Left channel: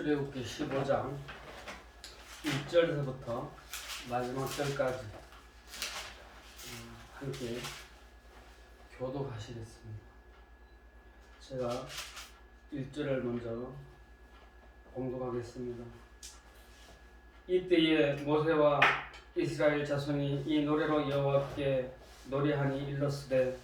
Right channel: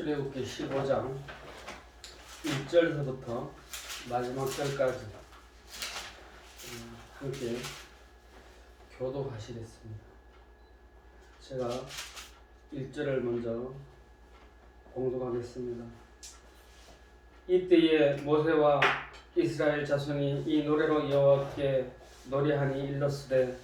출애굽기 15장 1절서부터 마지막 절까지 함께 교독하시겠습니다. 제가 1절을 먼저 공독하겠습니다. 이때에 모세와 이스라엘 자손이 이 노래로 여호와께 노래하니 일렀으되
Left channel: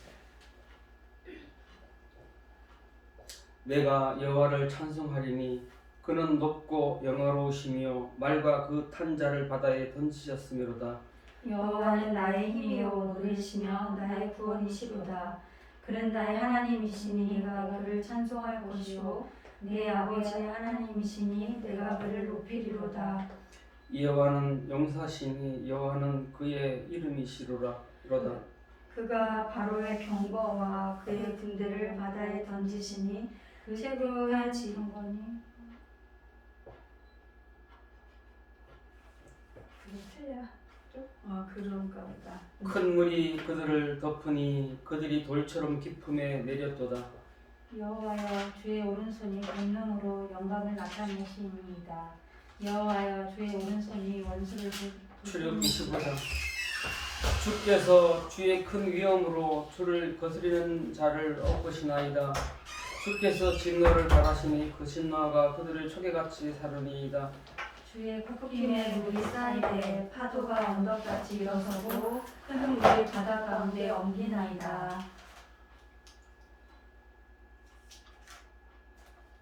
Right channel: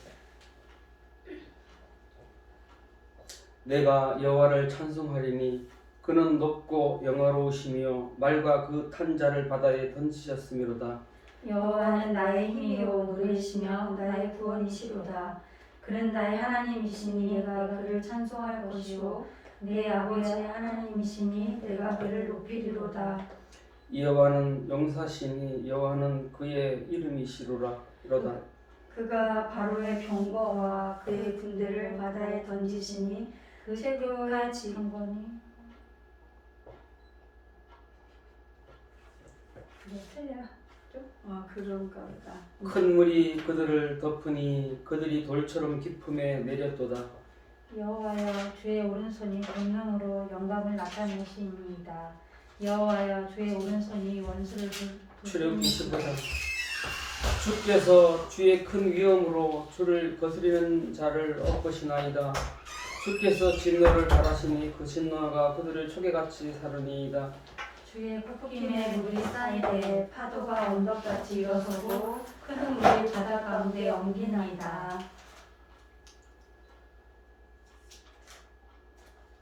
내가 여호와를 찬송하리니 그는 높고 영화로우시며 말과 그 탄 자를 바다에 던지셨음이로다. 여호와는 나의 힘이요 누리시며 나의 구원이시로다. 그는 나의 하나님이시니 내가 그를 찬송할 것이요 내 아버지의 하나님이시니 내가 그를 높이리로다. 여호와는 용사시니 여호와는 그의 이름이시로다. 그가 바로의 병거와 그의 군대를 바다에 던지시니 그 세계가 지은 거니 그게 틀려. 그런가 보다. 큰 물이 그들을 덮으니 그들이 돌처럼 깊음에 내렸도다. 여호와여 주의 오른손이 권능으로 영광을 나타내시니이다. 여호와여 주의 오른손이 원수를 출애굽기 15장 주께서 주의 큰 위엄으로 주를 거스리는 자를 엎으시나이다. 주께서 진노를 바라시니 그 진노가 그들을 초계같이 사르니이다. 주의 폭풍에 물이 쌓이되 파도가 언덕같이 일어서고 큰 물이 바다 가운데 엉기나이다.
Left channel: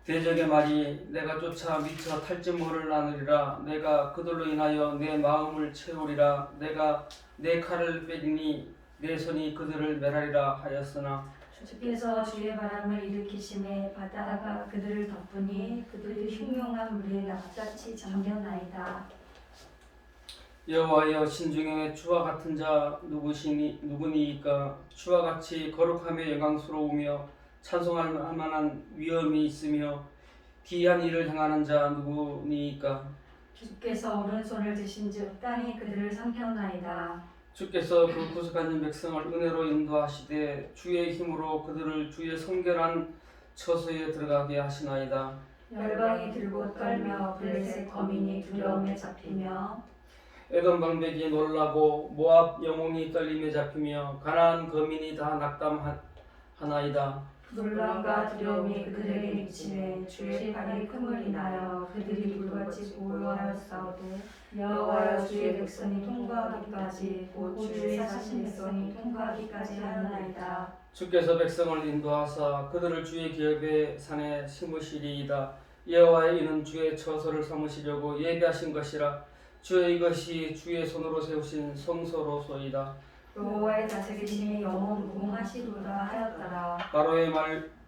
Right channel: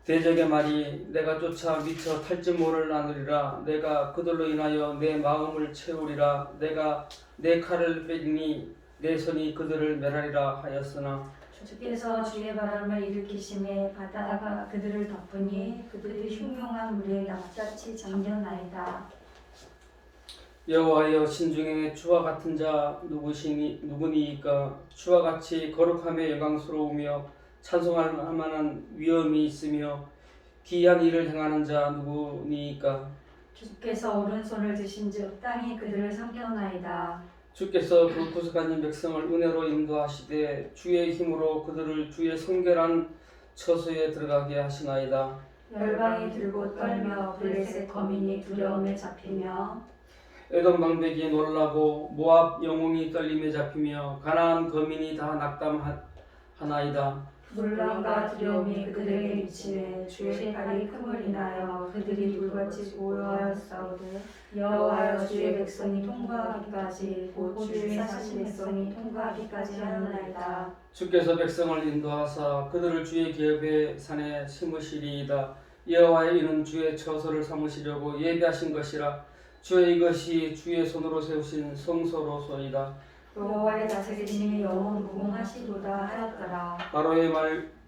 대적의 말이 내가 쫓아 미쳐 탈진모를 나누리라. 내가 그들로 인하여 내 마음을 채우리라. 내가 내 칼을 빼리니 내 손이 그들을 멸하리라 하였으나 주께서 주의 바람을 일으키심에 바다가 그들을 덮으니 그들이 흉흉한 물에 납작히 잠겨나이다. 여호와여 신중에 주와 같은 자 누구니이까? 주와 같이 거룩하며 영광스러우며 찬송할 만한 위엄이 있으며 기이한 일을 행하는 자 누구니이까? 주께서 오른손을 드신즉 땅이 그들을 삼켰나이다. 주께서 그 구속한 백성을 은혜로 인도하시되 주의 힘으로 그들을 주의 성결한 처소에 들어가게 하시나이다. 열방이 들고 떨며 블레셋 거민이 두려움에 잡히며 에돔 방백이 놀라고 모압 영웅이 떨림에 잡히며 가나안 거민이 다 낙담하나이다. 놀람과 두려움이 그들에게 미치네 주의 발이 큼을 인하여 그들이 불같이 고요하였사오되 여호와여 주의 백성이 통과하기까지 곧 주의 사신 백성이 통과하기까지 하나이다. 주께서 백성을 인도하사 그들을 주의 기업의 산에 심으시리이다. 여호와의 이는 주의 처소를 삼으시려고 예비하신 것이라. 주의 이것이 주의 손으로 세우신 성소로소이다. 여호와의 다스리심이 영원 무궁하시도다 하였더라. 바로의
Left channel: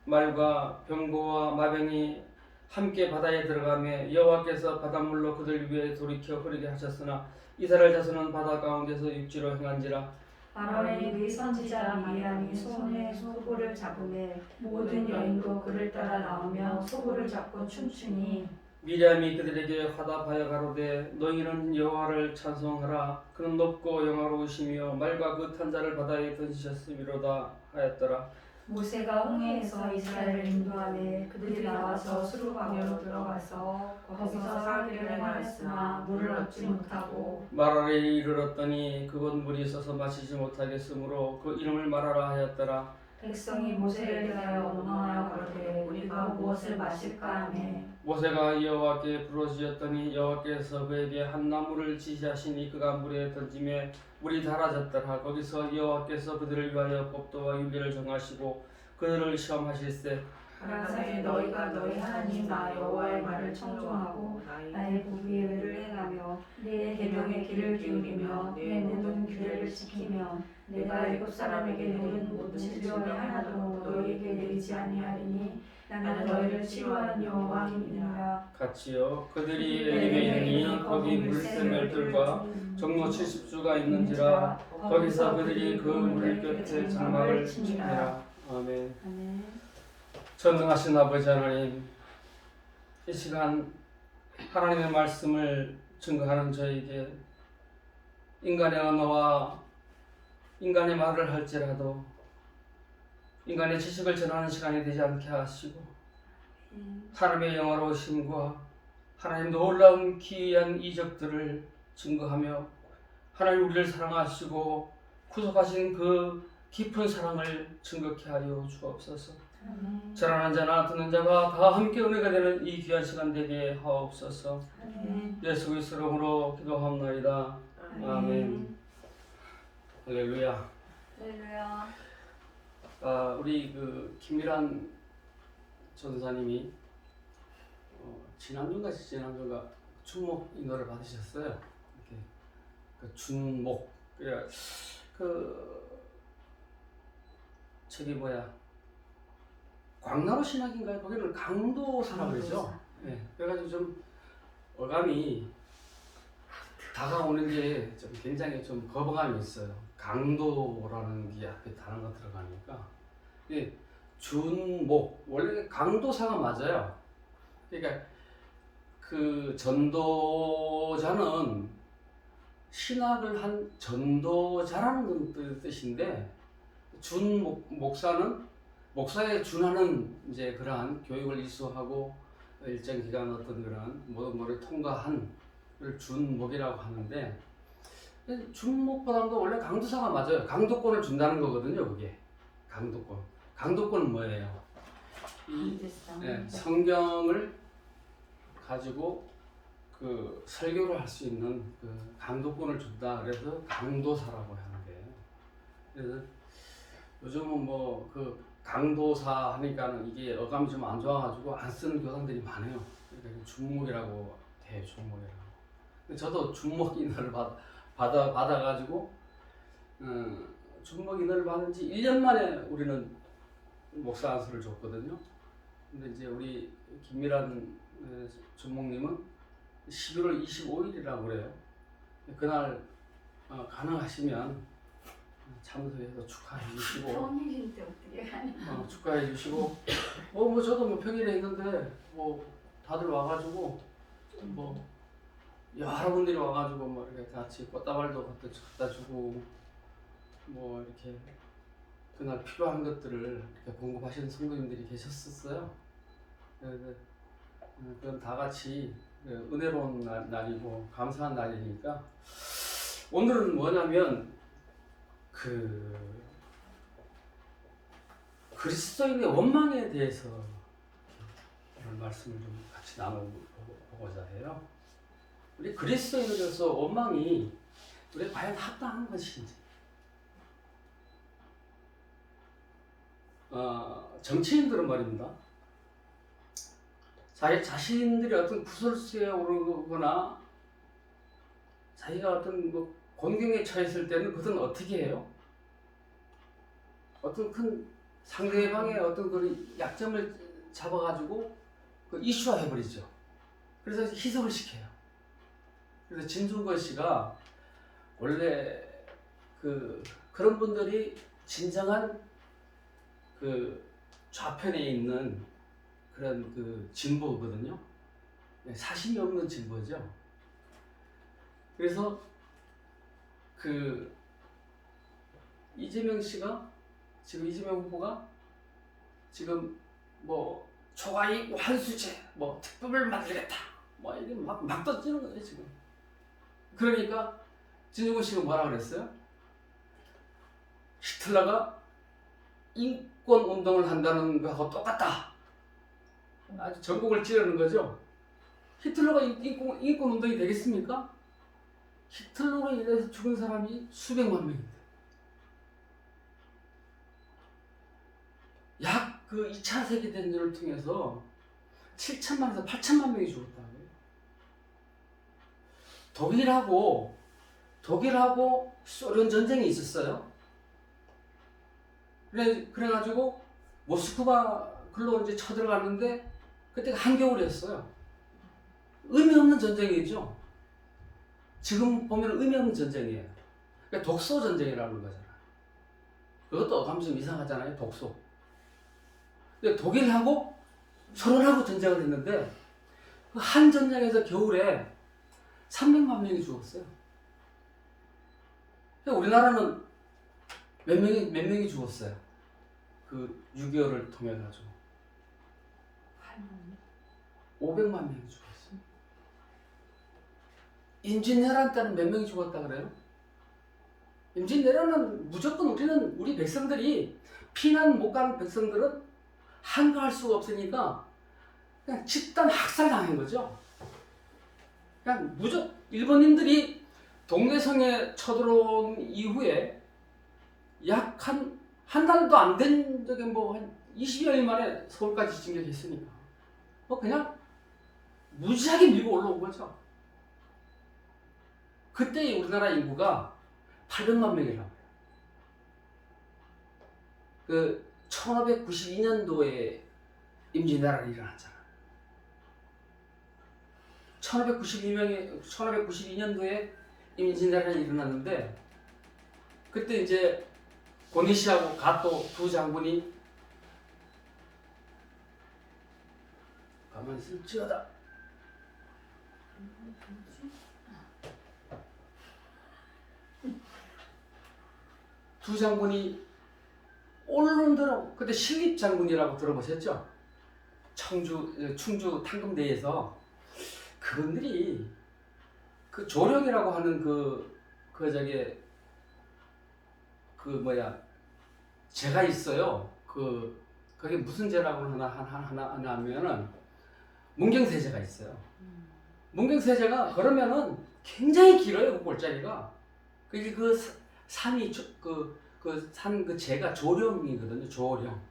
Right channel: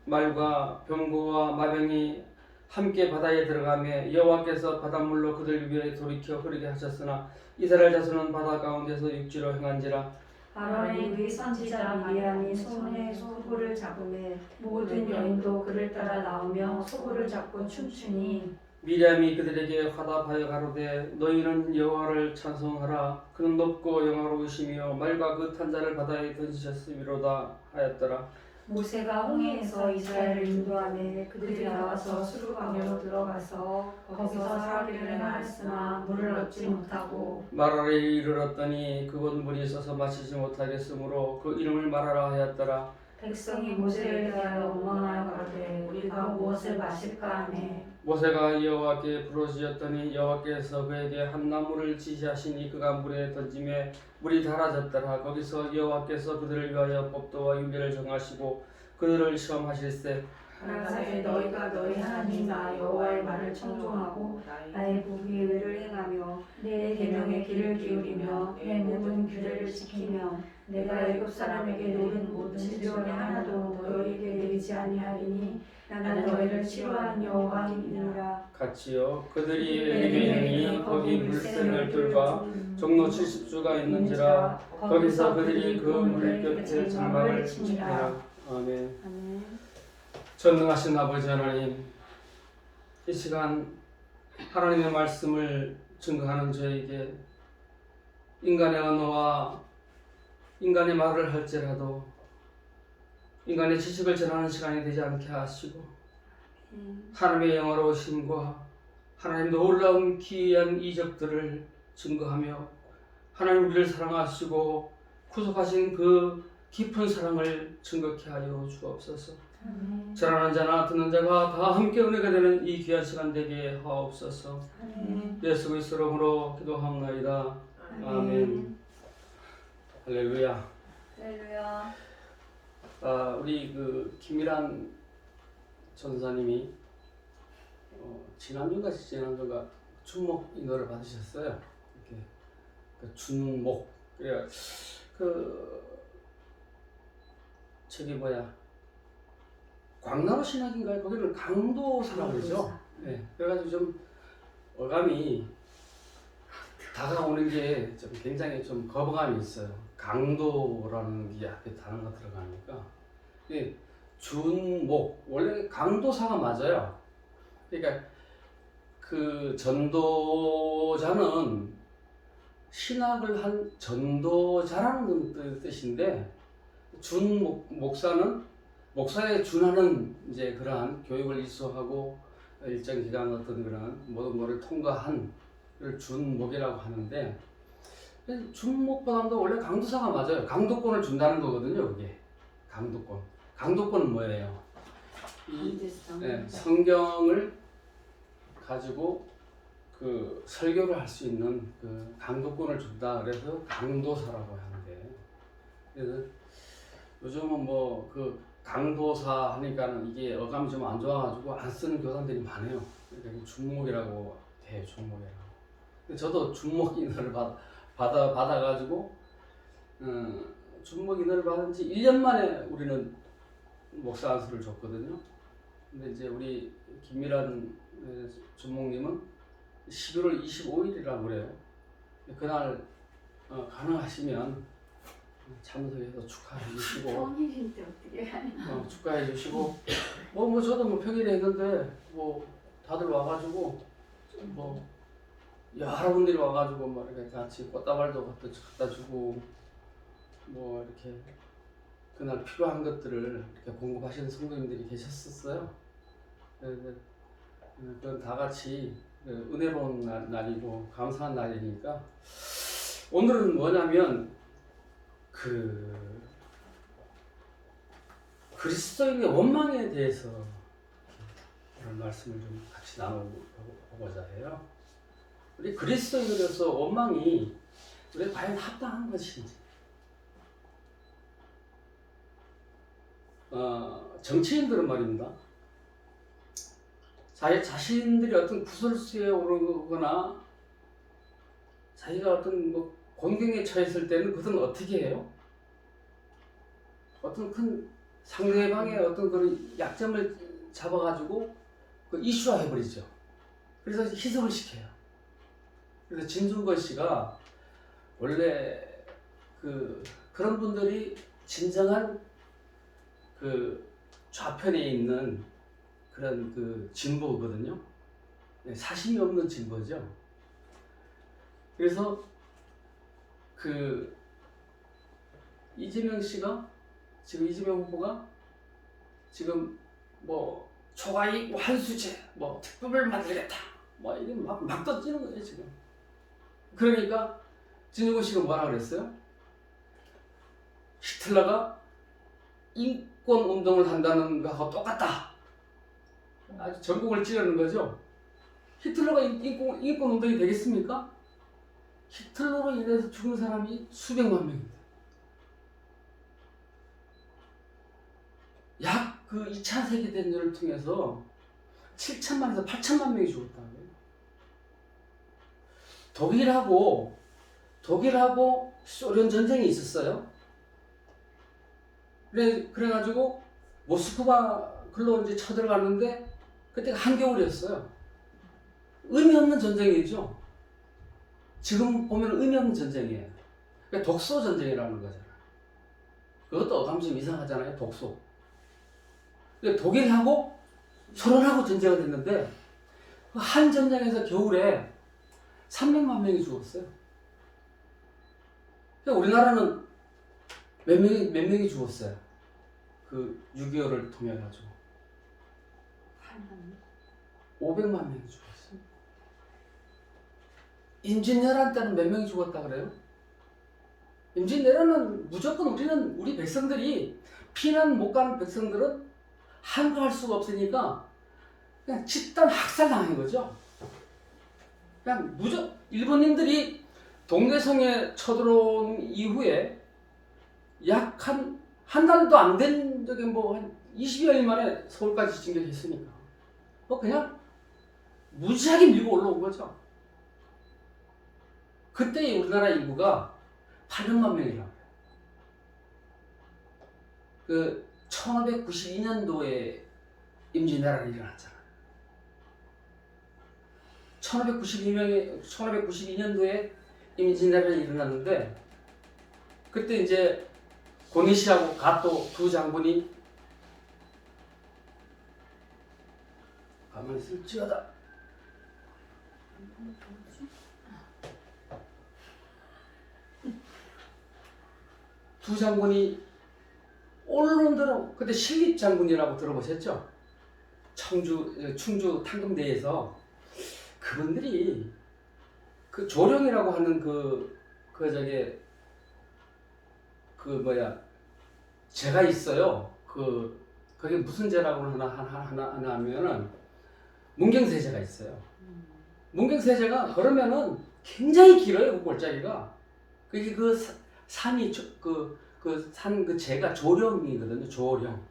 말과 병거와 마병이 함께 바다에 들어가며 여호와께서 바닷물로 그들 위에 돌이켜 흐르게 하셨으나 이스라엘 자손은 바다 가운데서 육지로 행한지라. 아론의 위 선지자 미리암이 손에 소굴을 잡으매 모든 여인도 그를 따라 나오며 소굴을 잡고 춤추니 미리암이 그들에게 화답하여 가로되 너희는 여호와를 찬송하라. 그는 높고 영화로우시며 말과 그 탄 자를 바다에 던지셨음이로다 하였더라. 모세가 홍해에서 이스라엘을 인도하매 그들이 나와서 수르강으로 들어가서 거기서 사흘을 행하였으나 물을 얻지 못하고 마라에 이르렀더니 그곳 물이 있어서 마시지 못하겠으므로 그 이름을 마라라 하였더라. 백성이 모세를 대하여 원망하여 가로되 우리가 무엇을 마실까 하매 모세가 여호와께 부르짖었더니 여호와께서 그에게 한 나무를 지시하시니 그가 물에 던지매 물이 닳아졌더라. 거기서 여호와께서 그들을 위하여 법도와 윤례를 정하시고 그들을 시험하실세 가라사대 너희가 너희 하나님 나 여호와의 말을 청종하고 나의 보기에 의를 행하며 내 계명의 길을 기울이며 내 모든 규례를 지키면 내가 애굽 사람에게 내린 모든 질병이 하나도 너희에게 내리지 아니하리니 나는 너희를 치료하는 여호와이니라. 같이요. 그들이 엘림에 이르니 거기 물샘 12들과 종로 70주가 있는지라. 거기서 그들이 그 물 곁에 장막을 치니라. 아멘. 아멘. 전능하신 아버지 하나님, 이 시간 하나님의 말씀을 증거하는 저에게 인간의 언어와 인간의 말을 할지라도 인간의 지식을 전하는 시간이 되지 않게 하시고 하나님의 영화로우심과 하나님 놀라운 기이한 이적들을 증거하며 하나님 우리를 사랑하시고 구속하신 그 깊은 사랑을 증거케 하여 주옵소서. 아멘. 전하는 자나 듣는 자가 다 함께 은혜가 되는 이 귀한 시간 되게 하옵소서. 아멘. 예수 그리스도 이름으로 기도하옵나이다. 아멘. 할렐루야. 할렐루야. 우리 그 김미란 전사님이 지난주인가 준목 인허를 받으셨어요. 이렇게 그 준목 그래 저기 광나루 신학인가요? 거기는 강도사라 그러죠. 네, 그래가지고 좀 어감이 다가오는 게 좀 굉장히 좀 거부감이 있어요. 강도라는 게 앞에 단어가 들어가니까. 준목 원래 강도사가 맞아요. 그러니까 그 전도자는 신학을 한 전도자라는 뜻인데 목사는 목사에 준하는 이제 그러한 교육을 이수하고 일정 기간 어떤 그러한 모든 것을 통과한 걸 준목이라고 하는데 준목보다도 원래 강도사가 맞아요. 강도권을 준다는 거거든요. 그게 강도권은 뭐예요? 성경을 가지고 그 설교를 할 수 있는 그 강도권을 준다. 그래서 강도사라고 하는데, 그래서 요즘은 그 강도사 하니까는 이게 어감이 좀 안 좋아가지고 안 쓰는 교단들이 많아요. 그러니까 준목이라고 해요. 준목이라고. 저도 준목 인허를 받아가지고 준목 인허를 받은 지 1년 만에 우리는 목사 안수를 줬거든요. 근데 이제 우리 김미란 준목님은 11월 25일이라고 그래요. 그날 가능하시면 참석해서 축하해 주시고 평일인데 어떻게 하냐. 축하해 주시고 저도 평일에 했는데 다들 와가지고 여러분들이 와가지고 이렇게 같이 꽃다발도 갖다 주고 이렇게 그날 필요한 것들을 이렇게 공급하시는 성도님들이 계셨었어요. 그래서 그건 다 같이 은혜로운 날이고 감사한 날이니까 오늘은 뭐냐면 그리스도인의 원망에 대해서 오늘 말씀을 좀 같이 나눠보고자 해요. 우리 그리스도인으로서 원망이 우리 과연 합당한 것인지, 정치인들은 말입니다. 자신들이 어떤 구설수에 오르거나 자기가 어떤 곤경에 처했을 때는 그들은 어떻게 해요? 어떤 큰 상대방의 어떤 그런 약점을 잡아가지고 이슈화해버리죠. 그래서 희석을 시켜요. 그래서 진중권 씨가 원래 그런 분들이 진정한 좌편에 있는 그런 진보거든요. 사심이 없는 진보죠. 그래서 이재명 후보가 지금 초과이익 환수제 특법을 만들겠다 이게 막 던지는 거예요 지금. 그러니까 진중권 씨가 뭐라 그랬어요? 히틀러가 인권 운동을 한다는 거하고 똑같다. 아주 전국을 찌르는 거죠. 히틀러가 인권 운동이 되겠습니까? 히틀러로 인해서 죽은 사람이 수백만 명인데 약 2차 세계대전을 통해서 7천만에서 8천만 명이 죽었다고요. 독일하고 소련 전쟁이 있었어요. 그래가지고 모스크바 글로 이제 쳐들어갔는데 그때가 한겨울이었어요. 의미 없는 전쟁이죠. 지금 보면 의미 없는 전쟁이에요. 그러니까 독소 전쟁이라는 거잖아. 그것도 어감이 좀 이상하잖아요. 독소. 근데 독일하고 소련하고 전쟁을 했는데 한 전쟁에서 겨울에 300만 명이 죽었어요. 그러니까 우리나라는 몇 명이 죽었어요. 6.25를 통해 가지고 500만 명이 죽었어요. 임진왜란 때는 몇 명이 죽었다 그래요? 임진왜란은 무조건 우리 백성들이 피난 못 간 백성들은 한가할 수가 없으니까 그냥 집단 학살당한 거죠. 그냥 일본인들이 동대성에 쳐들어온 이후에 약 한 달도 안 된 적에 뭐 한 20여일 만에 서울까지 진격했으니까 그냥 무지하게 밀고 올라온 거죠. 그때 우리나라 인구가 800만 명이라. 그 1592년도에 임진왜란이 일어났잖아. 1592년도에 임진왜란이 일어났는데 그때 이제 고니시하고 가토 두 장군이 가만히 있을지어다. 두 장군이 언론대로 그때 신립 장군이라고 들어보셨죠? 충주 탕금대에서 그분들이 그 조령이라고 하는 제가 있어요. 그게 무슨 제라고 하나 하면은 문경세제가 있어요. 문경세제가 그러면은 굉장히 길어요. 그 골짜기가. 그게 산이 산 제가 조령이거든요. 조령.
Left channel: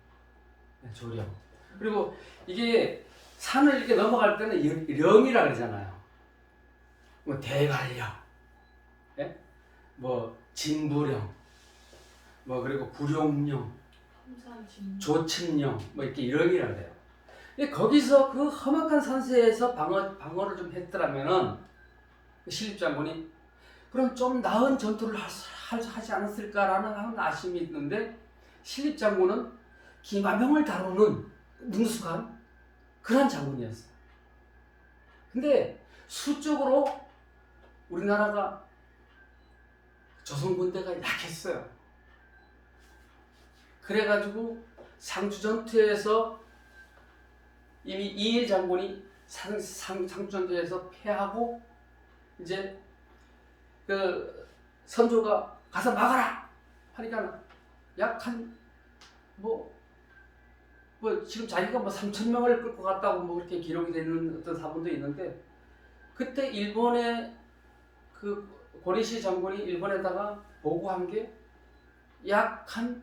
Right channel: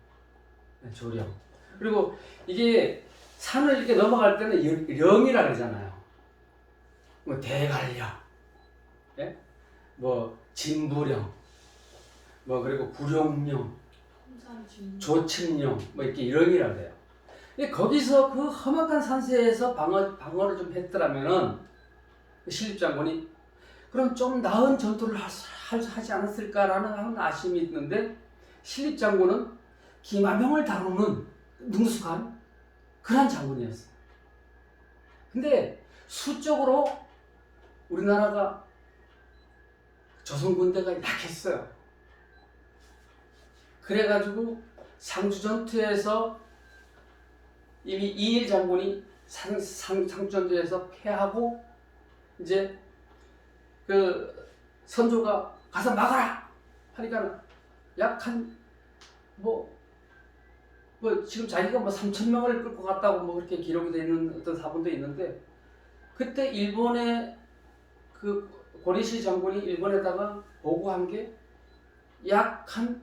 네, 조령. 그리고 이게 산을 이렇게 넘어갈 때는 령이라 그러잖아요. 뭐 대관령, 예? 뭐 진부령, 뭐 그리고 구룡령, 조천령, 뭐 이렇게 령이라 그래요. 거기서 그 험악한 산세에서 방어를 좀 했더라면은 신립장군이 그럼 좀 나은 전투를 하지 않았을까라는 아쉬움이 있는데 신립장군은 기마병을 다루는 능숙한 그런 장군이었어요. 근데 수적으로 우리나라가 조선 군대가 약했어요. 그래가지고 상주 전투에서 이미 이일 장군이 상주 전투에서 패하고 이제 그 선조가 가서 막아라 하니까 약 한 지금 자기가 3,000명을 끌고 갔다고 그렇게 기록이 되는 어떤 사본도 있는데 그때 일본의 그 고니시 장군이 일본에다가 보고한 게 약 한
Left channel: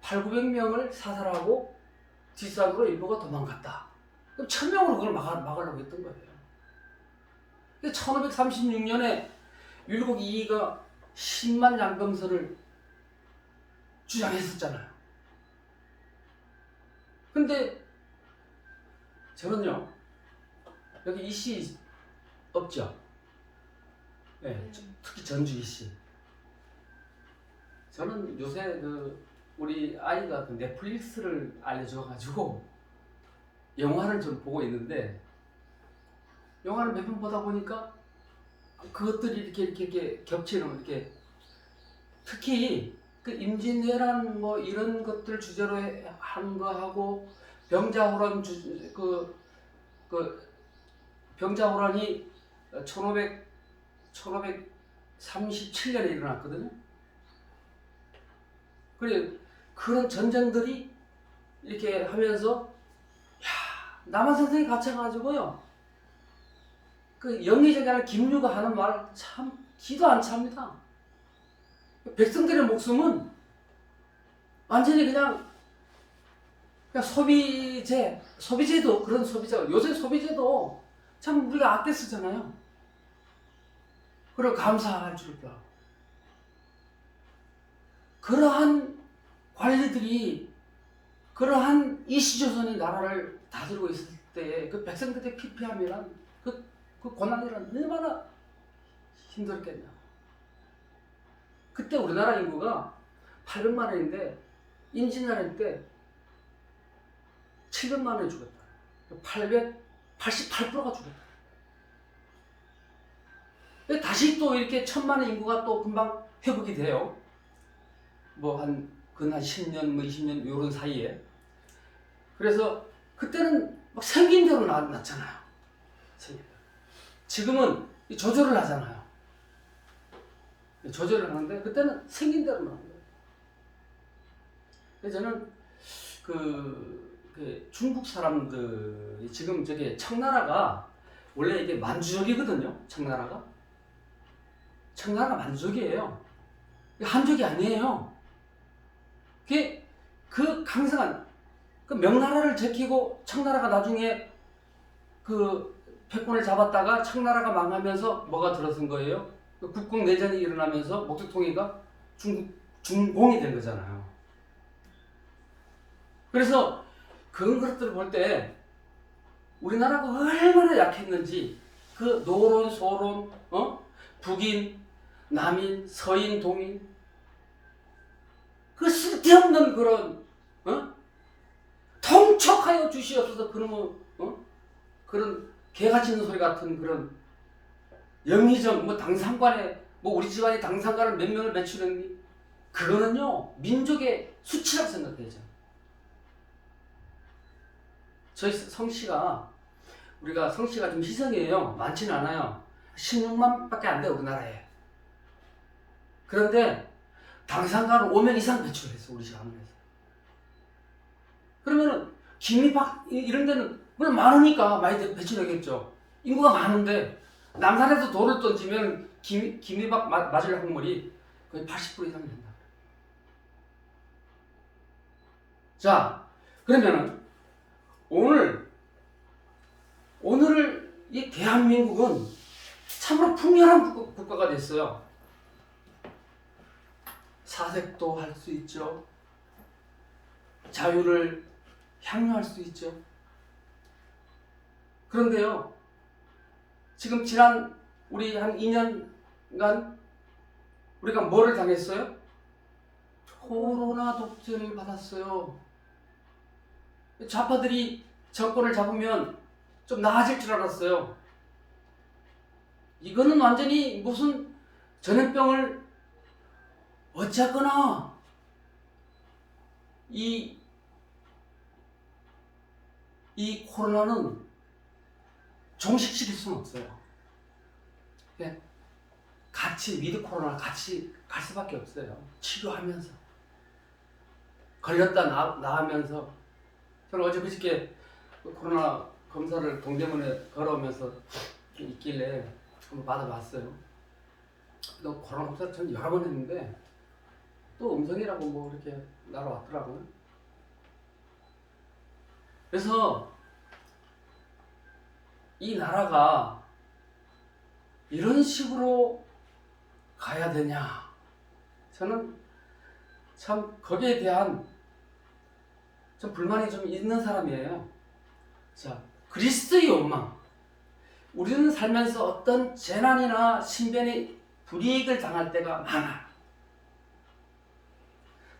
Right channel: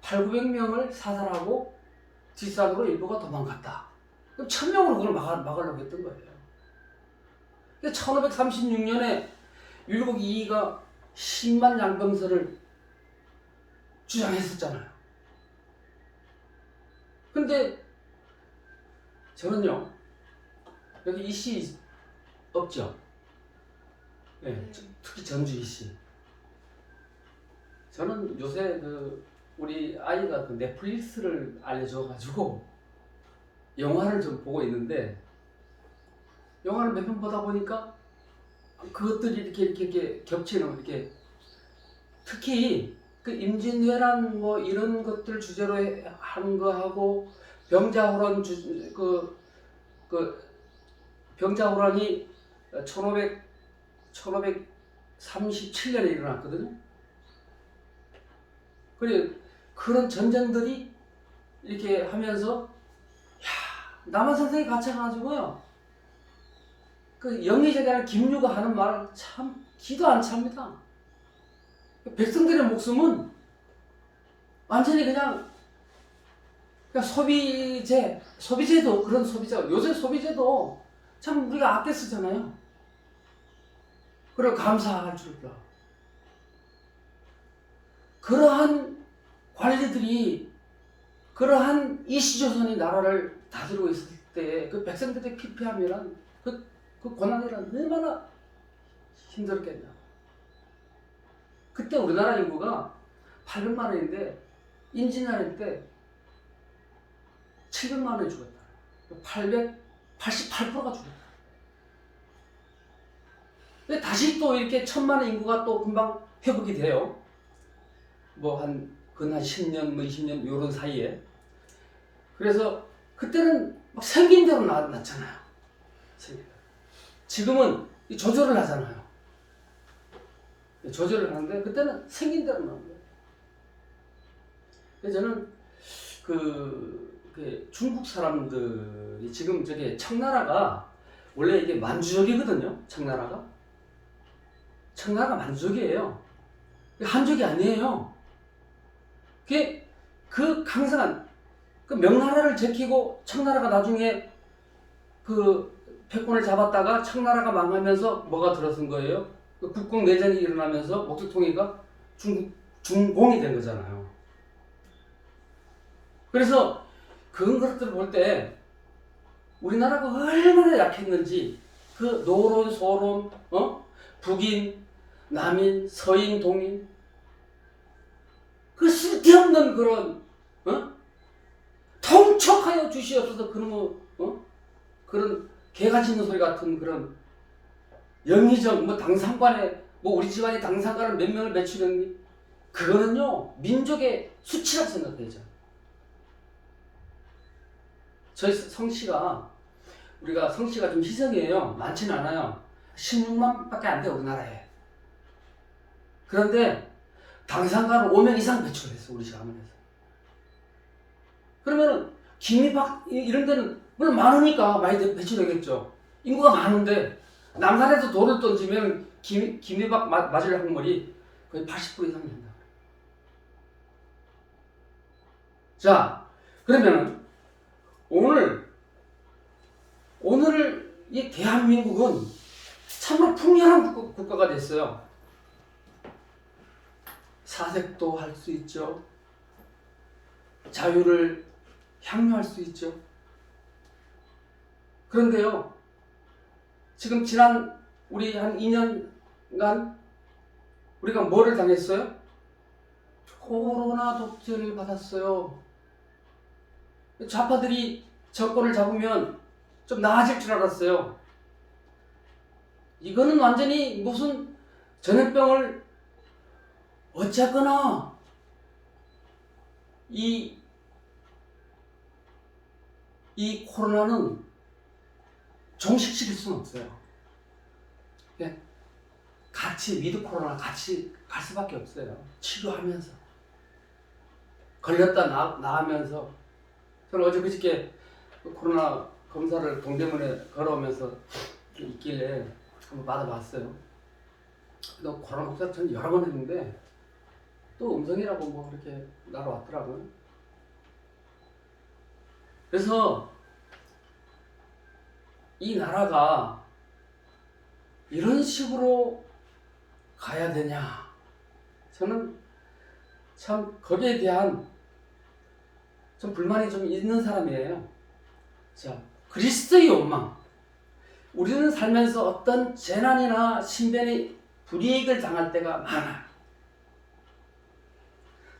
800~900명을 사살하고 뒷산으로 일부가 도망갔다. 그럼 1,000명으로 그걸 막으려고 했던 거예요. 1536년에 율곡 이이가 10만 양병설을 주장했었잖아요. 근데 저는요, 여기 이씨 없죠? 네, 특히 전주 이씨. 저는 요새 우리 아이가 넷플릭스를 알려줘가지고 영화를 좀 보고 있는데 영화를 몇 편 보다 보니까 그것들이 이렇게 겹치는 이렇게 특히 그 임진왜란 이런 것들 주제로 한 거하고 병자호란 병자호란이 1537년에 일어났거든요. 그런 전쟁들이 이렇게 하면서 남한 선생이 갇혀가지고요. 그 영의정이라는 김유가 하는 말 참 기도 안 찹니다. 백성들의 목숨은 완전히 그냥 소비재도 그런 소비자, 요새 소비재도 참 우리가 아껴 쓰잖아요. 그리고 감사할 줄까. 그러한 관리들이 그러한 이시조선이 나라를 다스리고 있을 때 그 백성들의 피폐함이란 그 고난이란 얼마나 힘들었겠냐. 그때 우리나라 인구가 800만원인데 임진왜란 때 700만원이 죽었다. 888%가 죽었다. 다시 또 이렇게 1,000만원 인구가 또 금방 회복이 돼요. 한 10년, 20년 요런 사이에. 그래서 그때는 막 생긴 대로 났잖아요. 지금은 이 조절을 하잖아요. 조절을 하는데 그때는 생긴 대로 나오는 거예요. 그래서 저는 그 중국 사람들이 지금 저기 청나라가 원래 이게 만주족이거든요. 청나라가 만주족이에요. 한족이 아니에요. 그 강성한 그 명나라를 제키고 청나라가 나중에 그 패권을 잡았다가 청나라가 망하면서 뭐가 들어선 거예요? 그 국공 내전이 일어나면서 목조통일가 중공이 된 거잖아요. 그래서 그런 것들을 볼 때 우리나라가 얼마나 약했는지 그 노론, 소론, 북인, 남인, 서인, 동인 그 쓸데없는 그런 통촉하여 주시옵소서 그런 개같이 있는 소리 같은 그런 영의정 당상관에 우리 집안이 당상관을 몇 명을 배출했니? 그거는요 민족의 수치라고 생각해야죠. 저희 우리가 성씨가 좀 희성이에요. 많지는 않아요. 16만밖에 안 돼요 우리나라에. 그런데 당상관은 5명 이상 배출했어 우리 집 가문에서. 그러면은 김이박 이런 데는 물론 많으니까 많이 배출되겠죠. 인구가 많은데 남산에서 돌을 던지면 김이박 맞을 확률이 거의 80% 이상이 된다. 자, 그러면은 오늘 이 대한민국은 참으로 풍요한 국가가 됐어요. 사색도 할 수 있죠. 자유를 향유할 수 있죠. 그런데요, 지금 지난 우리 한 2년간 우리가 뭐를 당했어요? 코로나 독재를 받았어요. 좌파들이 정권을 잡으면 좀 나아질 줄 알았어요. 이거는 완전히 무슨 전염병을 어쨌거나 이 코로나는 종식시킬 수는 없어요. 같이 위드 코로나 같이 갈 수밖에 없어요. 치료하면서 걸렸다 나으면서. 저는 어제 그저께 코로나 검사를 동대문에 걸어오면서 있길래 한번 받아봤어요. 또 코로나 검사 전 여러 번 했는데 또 음성이라고 이렇게 날아왔더라고요. 그래서 이 나라가 이런 식으로 가야 되냐, 저는 참 거기에 대한 좀 불만이 좀 있는 사람이에요. 자, 그리스도의 욕망. 우리는 살면서 어떤 재난이나 신변의 불이익을 당할 때가 많아요.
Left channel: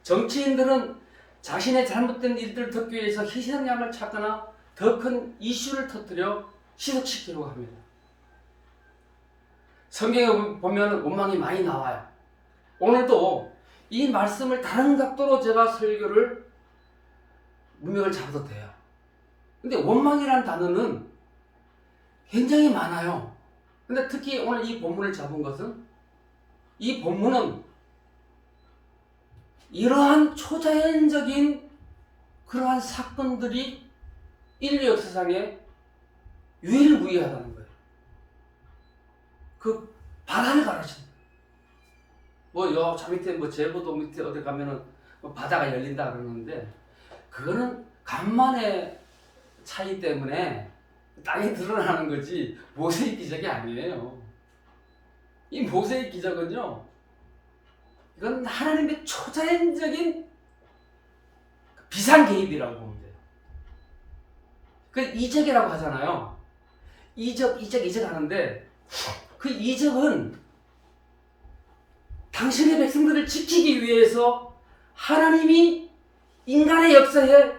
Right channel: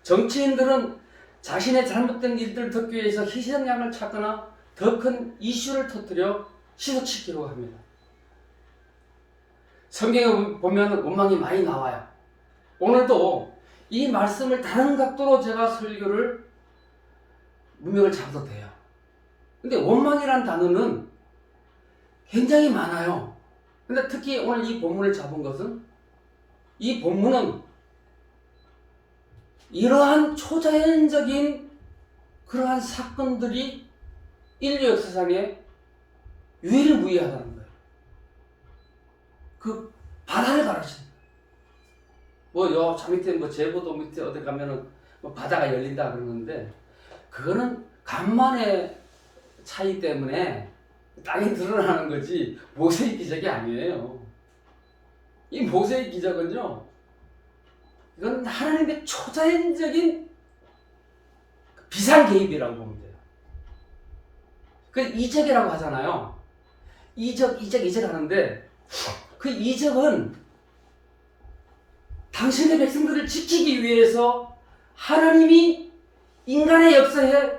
정치인들은 자신의 잘못된 일들을 덮기 위해서 희생양을 찾거나 더 큰 이슈를 터뜨려 희석시키려고 합니다. 성경에 보면 원망이 많이 나와요. 오늘도 이 말씀을 다른 각도로 제가 문맥을 잡아도 돼요. 근데 원망이란 단어는 굉장히 많아요. 근데 특히 오늘 이 본문을 잡은 것은, 이 본문은 이러한 초자연적인 그러한 사건들이 인류 역사상에 유일무이하다는 거예요. 그 바다를 가르치는 거예요. 저 밑에 제부도 밑에 어디 가면은 바다가 열린다 그러는데, 그거는 간만의 차이 때문에 땅이 드러나는 거지 모세의 기적이 아니에요. 이 모세의 기적은요, 이건 하나님의 초자연적인 비상개입이라고 보면 돼요. 그 이적이라고 하잖아요. 이적 하는데, 그 이적은 당신의 백성들을 지키기 위해서 하나님이 인간의 역사에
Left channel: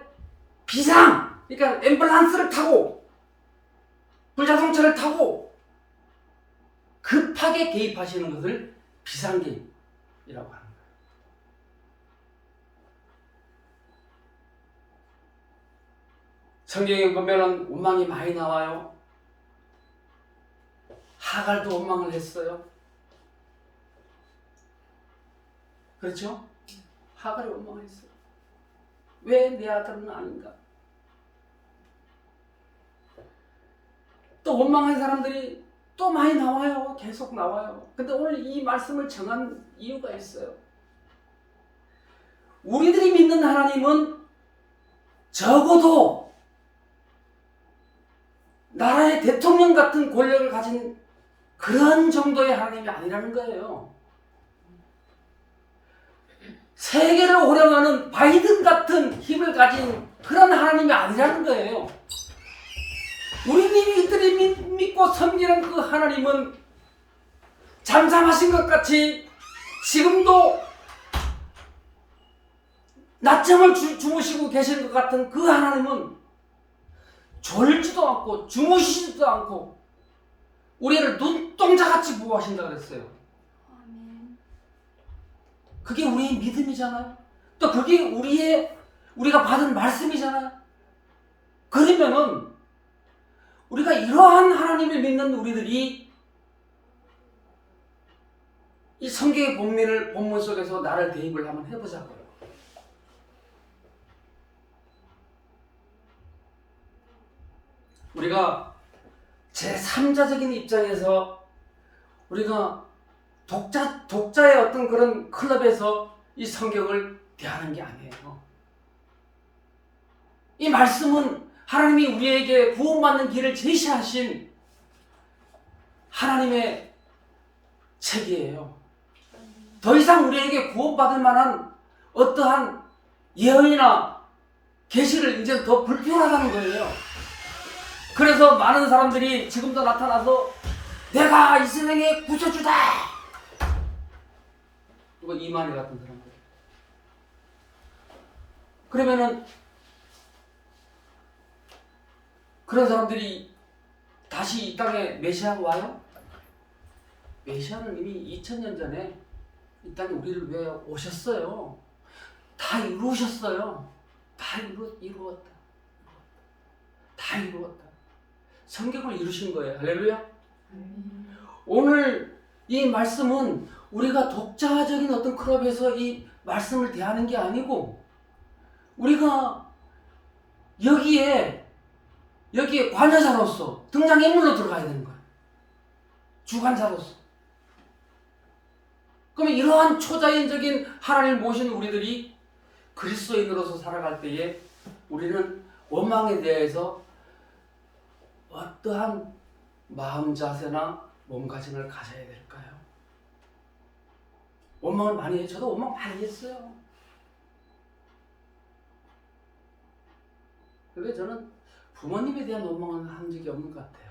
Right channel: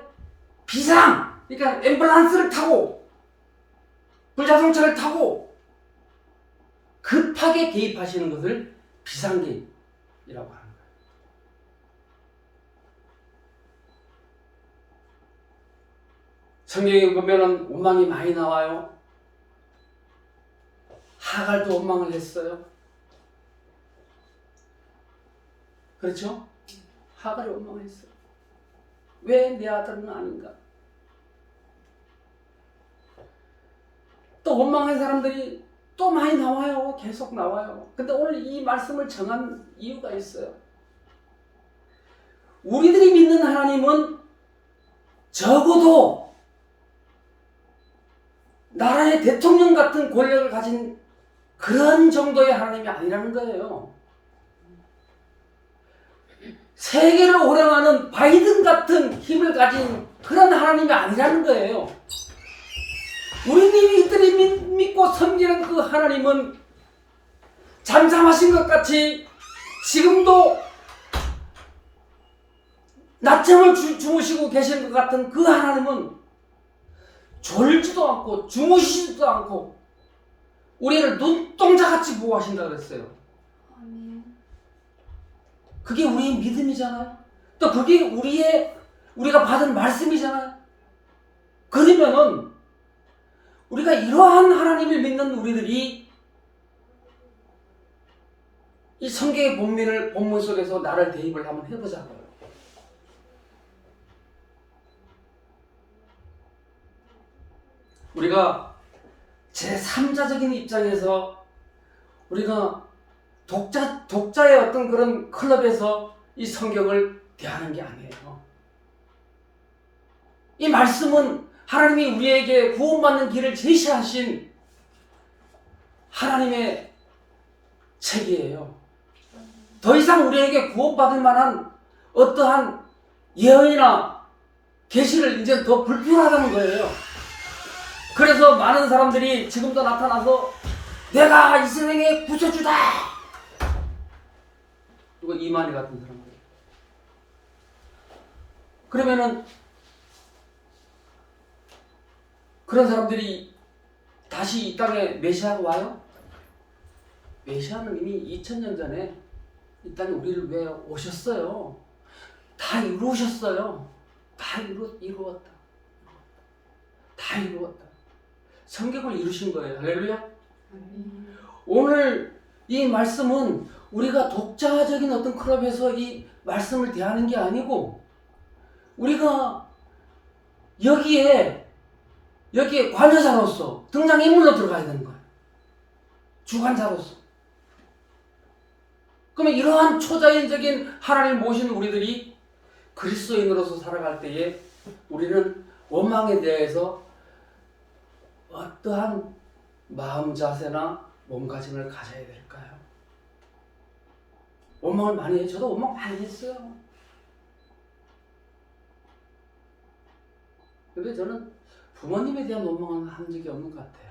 그러니까 앰뷸런스를 타고 불자동차를 타고 급하게 개입하시는 것을 비상개입이라고 하는 거예요. 성경에 보면은 원망이 많이 나와요. 하갈도 원망을 했어요. 그렇죠? 하갈이 원망을 했어요. 왜 내 아들은 아닌가? 또 원망한 사람들이 또 많이 나와요. 계속 나와요. 근데 오늘 이 말씀을 정한 이유가 있어요. 우리들이 믿는 하나님은 적어도 나라의 대통령 같은 권력을 가진 그런 정도의 하나님이 아니라는 거예요. 세계를 호령하는 바이든 같은 힘을 가진 그런 하나님이 아니라는 거예요. 우리들이 믿고 섬기는 그 하나님은 잠잠하신 것 같이 지금도 낮잠을 주무시고 계신 것 같은 그 하나님은 졸지도 않고 주무시지도 않고 우리를 눈동자같이 보호하신다 그랬어요. 그게 우리의 믿음이잖아요. 또 그게 우리가 받은 말씀이잖아요. 그러면은 우리가 이러한 하나님을 믿는 우리들이 이 성경의 본문 속에서 나를 대입을 한번 해보자고요. 우리가 제3자적인 입장에서 우리가 독자의 어떤 그런 클럽에서 이 성경을 대하는 게 아니에요. 이 말씀은 하나님이 우리에게 구원받는 길을 제시하신 하나님의 책이에요. 더 이상 우리에게 구원받을 만한 어떠한 예언이나 계시를 이제 더 불필요하다는 거예요. 그래서 많은 사람들이 지금도 나타나서 내가 이 세상의 구세주다. 누가 이만희 같은 사람들. 그러면은 그런 사람들이 다시 이 땅에 메시아가 와요? 메시아는 이미 2000년 전에 이 땅에 우리를 위해 오셨어요. 다 이루셨어요. 다 이루었다. 다 이루었다. 성경을 이루신 거예요. 할렐루야. 오늘 이 말씀은 우리가 독자적인 어떤 클럽에서 이 말씀을 대하는 게 아니고 우리가 여기에 관여자로서 등장인물로 들어가야 되는 거예요. 주관자로서. 그러면 이러한 초자연적인 하나님을 모시는 우리들이 그리스도인으로서 살아갈 때에 우리는 원망에 대해서 어떠한 마음 자세나 몸가짐을 가져야 될까요? 원망을 많이 해요. 저도 원망 많이 했어요. 근데 저는 부모님에 대한 원망은 한 적이 없는 것 같아요.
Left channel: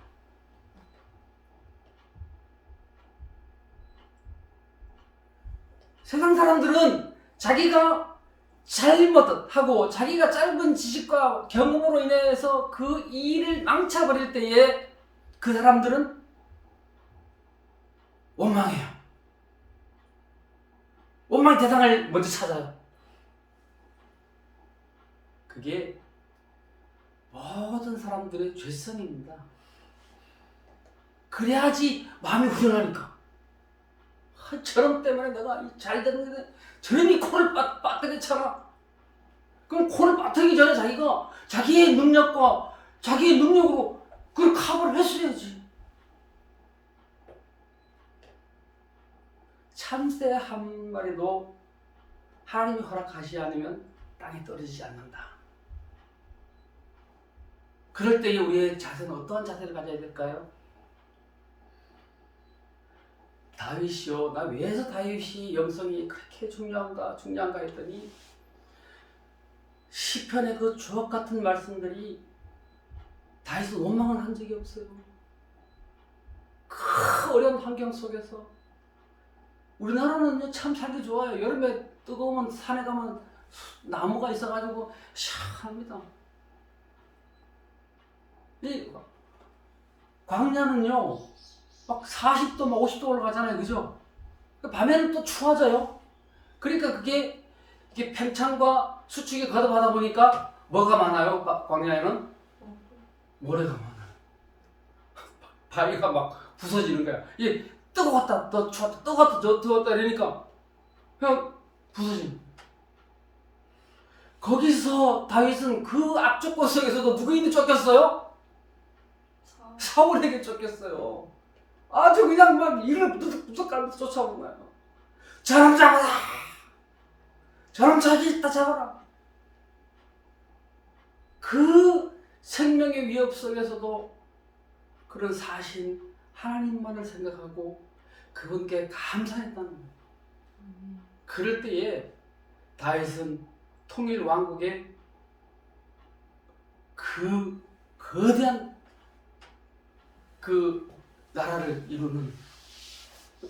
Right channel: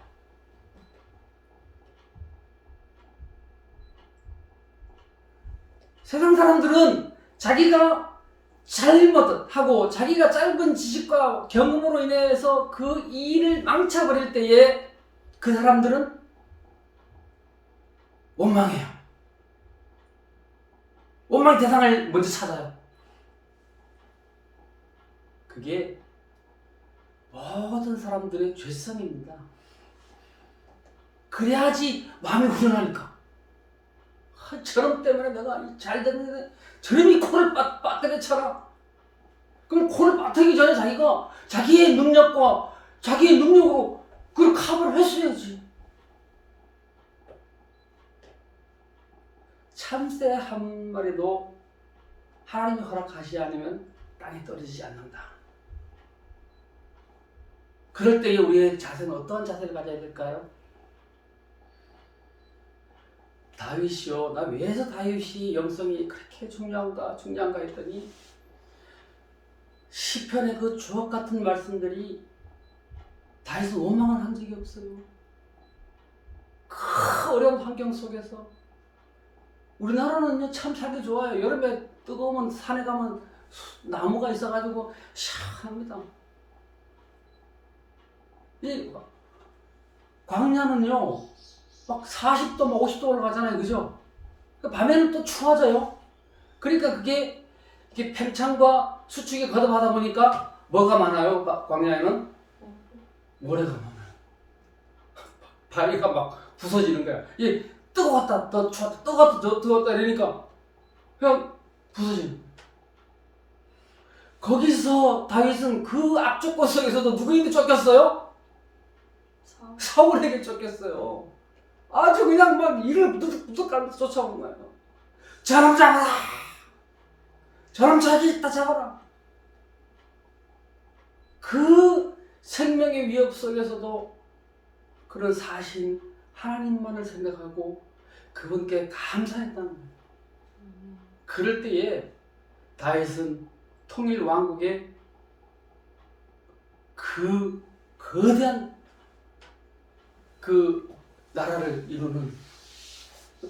세상 사람들은 자기가 잘못하고 자기가 짧은 지식과 경험으로 인해서 그 일을 망쳐버릴 때에 그 사람들은 원망해요. 원망 대상을 먼저 찾아요. 그게 모든 사람들의 죄성입니다. 그래야지 마음이 후련하니까. 저놈 때문에 내가 잘 됐는데 저놈이 코를 빠뜨렸잖아. 그럼 코를 빠뜨리기 전에 자기가 자기의 능력과 자기의 능력으로 그걸 커버를 했어야지. 참새 한 마리도 하나님이 허락하시지 않으면 땅에 떨어지지 않는다. 그럴 때에 우리의 자세는 어떠한 자세를 가져야 될까요? 다윗이요. 나 왜서 다윗이 영성이 그렇게 중요한가 했더니 시편의 그 주옥 같은 말씀들이 다윗은 원망을 한 적이 없어요. 그 어려운 환경 속에서 우리나라는 참 살기 좋아요. 여름에 뜨거우면 산에 가면 나무가 있어가지고 시원합니다. 이 광야는요 막 40도, 50도 올라가잖아요. 그죠? 밤에는 또 추워져요. 그러니까 그게 팽창과 수축이 거듭하다 보니까 뭐가 많아요? 광야에는? 모래가 많아요. 바위가 막 부서지는 거야. 이 뜨거웠다, 더 추웠다, 뜨거웠다, 더 뜨거웠다 이러니까 그냥 부서지는 거야. 거기서 다윗은 그 악조건 속에서도 누구인데 쫓겼어요? 사울에게 쫓겼어요. 아주 그냥 막 이를 부득부득 가면서 쫓아온 거예요. 저놈 잡아라! 저놈 저기 있다 잡아라! 그 생명의 위협 속에서도 그런 사신 하나님만을 생각하고 그분께 감사했다는 거예요. 그럴 때에 다윗은 통일 왕국의 그 거대한 그 나라를 이루는,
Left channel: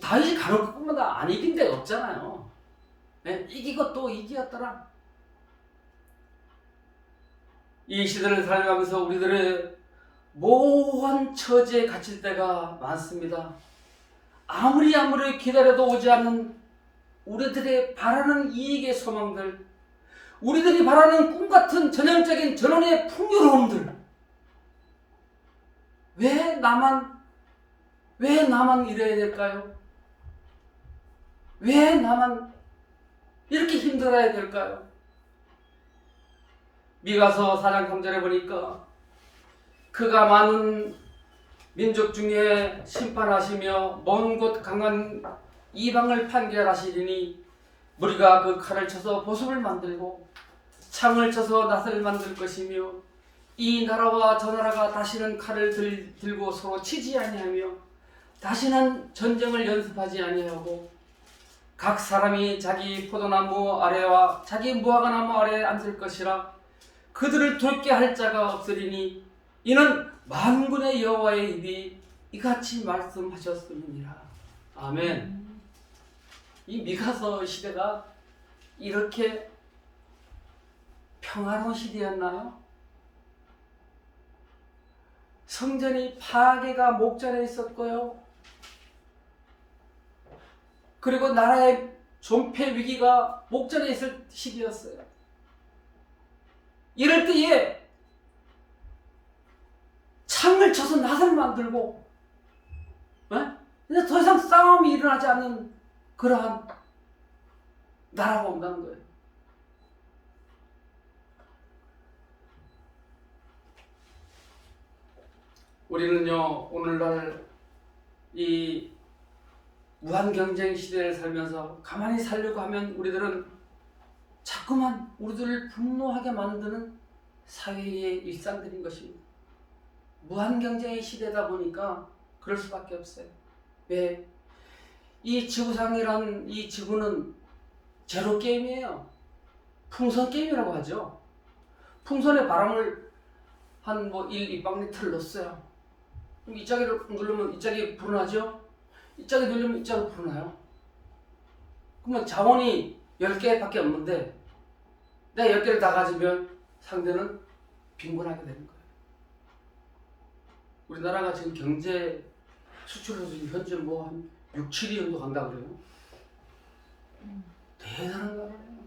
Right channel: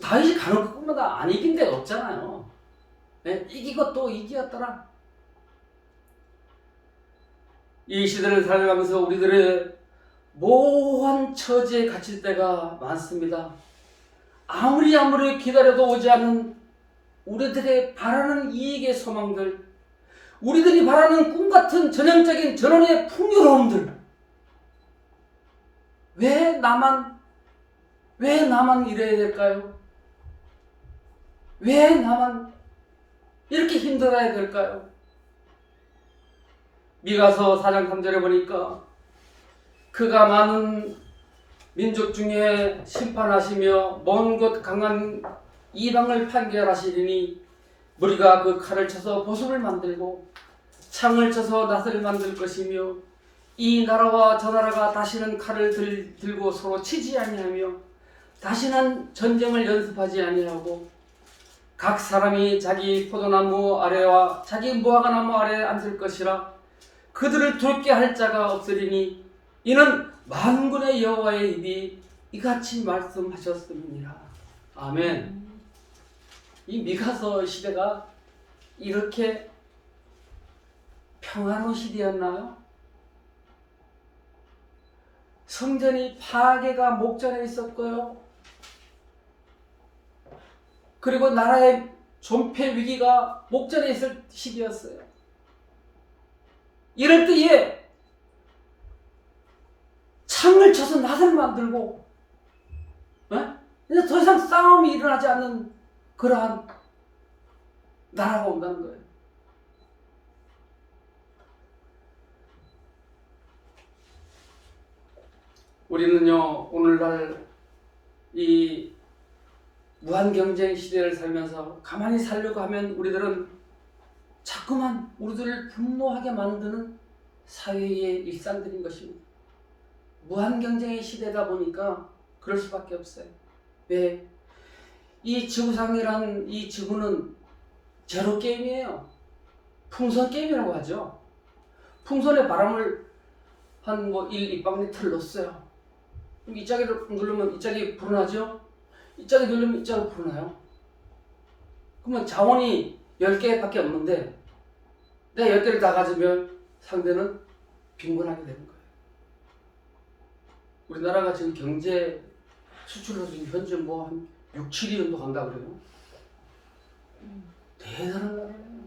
다윗이 가는 것뿐만 안 이긴 데가 없잖아요. 네? 이기고 또 이기었더라. 이 시대를 살아가면서 우리들의 모호한 처지에 갇힐 때가 많습니다. 아무리 기다려도 오지 않는 우리들의 바라는 이익의 소망들, 우리들이 바라는 꿈같은 전형적인 전원의 풍요로움들, 왜 나만 이래야 될까요? 왜 나만 이렇게 힘들어야 될까요? 미가서 4장 3절에 보니까 그가 많은 민족 중에 심판하시며 먼 곳 강한 이방을 판결하시리니 무리가 그 칼을 쳐서 보습을 만들고 창을 쳐서 낫을 만들 것이며 이 나라와 저 나라가 다시는 칼을 들고 서로 치지 아니하며 다시는 전쟁을 연습하지 아니하고 각 사람이 자기 포도나무 아래와 자기 무화과나무 아래에 앉을 것이라. 그들을 두렵게 할 자가 없으리니 이는 만군의 여호와의 입이 이같이 말씀하셨음이니라. 아멘. 이 미가서 시대가 이렇게 평화로운 시대였나요? 성전이 파괴가 목전에 있었고요. 그리고 나라의 존폐 위기가 목전에 있을 시기였어요. 이럴 때에 창을 쳐서 낫을 만들고, 이제 더 이상 싸움이 일어나지 않는 그러한 나라가 온다는 거예요. 우리는요, 오늘날 이 무한 경쟁 시대를 살면서 가만히 살려고 하면 우리들은 자꾸만 우리들을 분노하게 만드는 사회의 일상들인 것입니다. 무한 경쟁의 시대다 보니까 그럴 수밖에 없어요. 왜? 이 지구상이란 이 지구는 제로 게임이에요. 풍선 게임이라고 하죠. 풍선에 바람을 한 1박리터를 넣었어요. 이 짝을 누르면 이 짝이 불어나죠? 이 짝이 누르면 이 짝이 불어나요. 그러면 자원이 10개밖에 없는데 내가 10개를 다 가지면 상대는 빈곤하게 되는 거예요. 우리나라가 지금 경제 수출로 현재 한 6, 7위 정도 간다 그래요. 대단한 나라예요.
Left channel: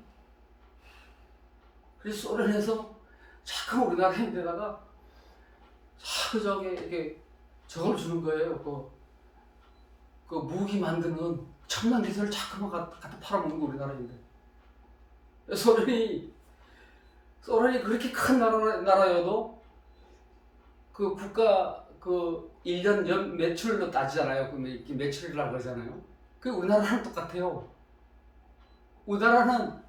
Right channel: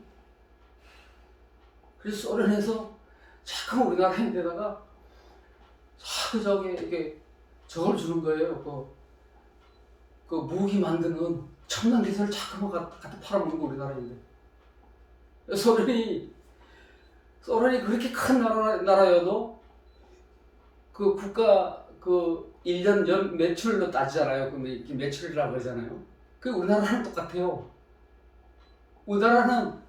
그래서 소련에서 자꾸 우리나라에다가 자꾸 이렇게 저걸 주는 거예요. 그 무기 만드는 첨단 기술을 자꾸 갖다 팔아먹는 거 우리나라인데. 소련이 그렇게 큰 나라여도 그 국가 그 1년 연 매출로 따지잖아요. 그 매출이라고 하잖아요. 그 우리나라랑 똑같아요. 우리나라는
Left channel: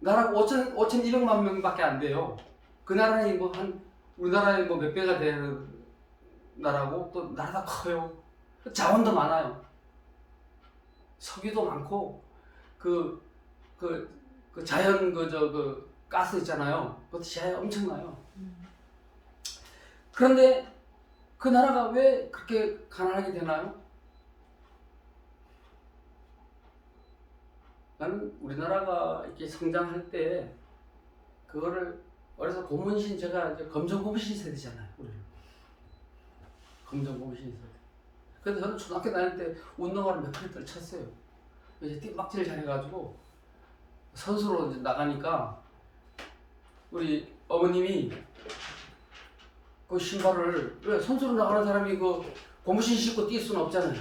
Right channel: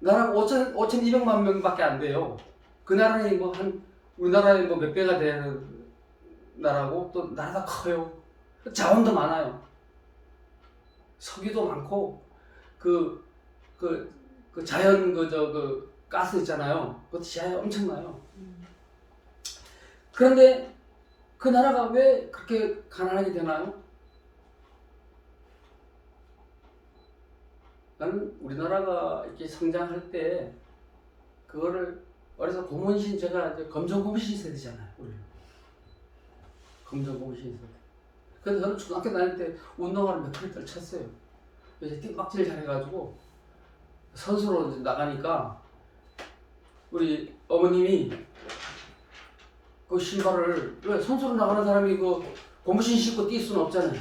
나라가 5,200만 명밖에 안 돼요. 그 나라는 우리나라의 몇 배가 되는 나라고, 또 나라가 커요. 자원도 많아요. 석유도 많고 그 자연 가스 있잖아요. 그것도 지하에 엄청나요. 그런데 그 나라가 왜 그렇게 가난하게 되나요? 나는 우리나라가 이렇게 성장할 때 그거를 어려서 고문신, 제가 이제 검정고문신 세대잖아요. 우리 검정고문신 세대. 그래서 저는 초등학교 다닐 때 운동화를 몇 컬을 쳤어요. 이제 띠박질 잘해가지고 선수로 이제 나가니까 우리 어머님이 그 신발을, 왜 선수로 나가는 사람이 그 고무신 신고 뛸 수는 없잖아요.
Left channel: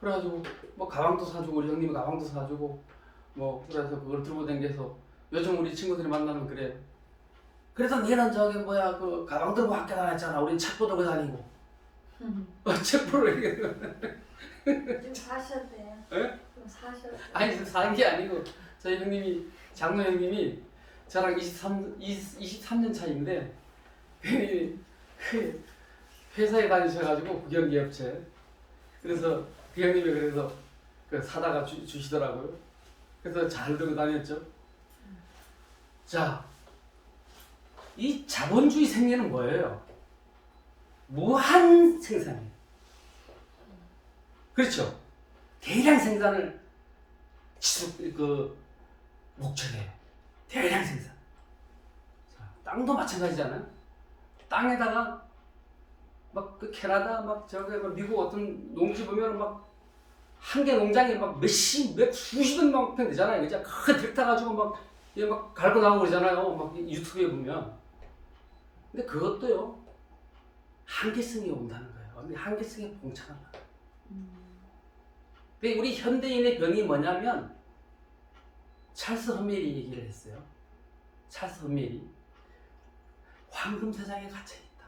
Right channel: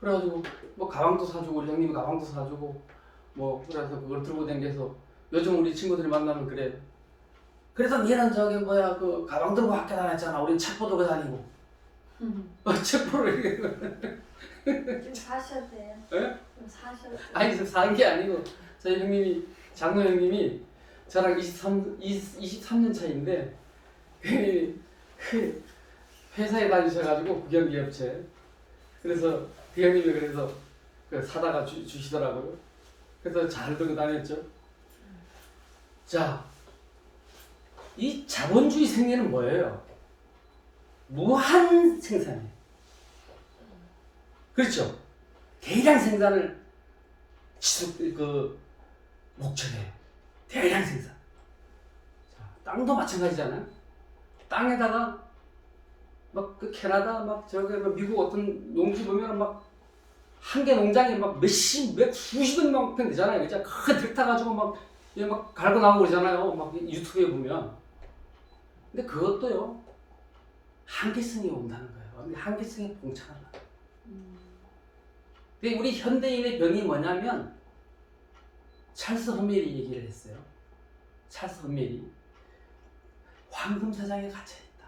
그래가지고 뭐 가방도 사주고 우리 형님이 가방도 사주고 뭐 그래서 그걸 들고 다녀서 요즘 우리 친구들이 만나면 그래. 그래서 얘는 저기 뭐야 그 가방 들고 학교 다녔잖아. 우린 책보 들고 다니고. 책보를 좀 사셨대요. 예? 좀 사셨대요. 아니 지금 산 게 아니고 저희 형님이 장로 형님이 저랑 23년 차인데 형님이 회사에 다니셔가지고 국영기업체 그래서 그 형님이 그래서 그 사다가 주시더라고요. 그래서 잘 들고 다녔죠. 자, 이 자본주의 생리는 뭐예요? 무한 생산이에요. 그렇죠? 대량 생산을 목적이에요. 대량 생산. 자, 땅도 마찬가지잖아요. 땅에다가 막 그 캐나다 막 저기 미국 어떤 농지 보면 막 한 개 농장에 막 수십억 평 되잖아요. 진짜 큰 트랙터 가지고 막 갈고 나오고 그러잖아요. 막 유튜브에 보면. 근데 그것도요 한계성이 온다는 거예요. 한계성에 봉착한다. 근데 우리 현대인의 병이 뭐냐면 찰스 험멜이 얘기를 했어요. 찰스 험멜이 황금세상에 갇혀 있다.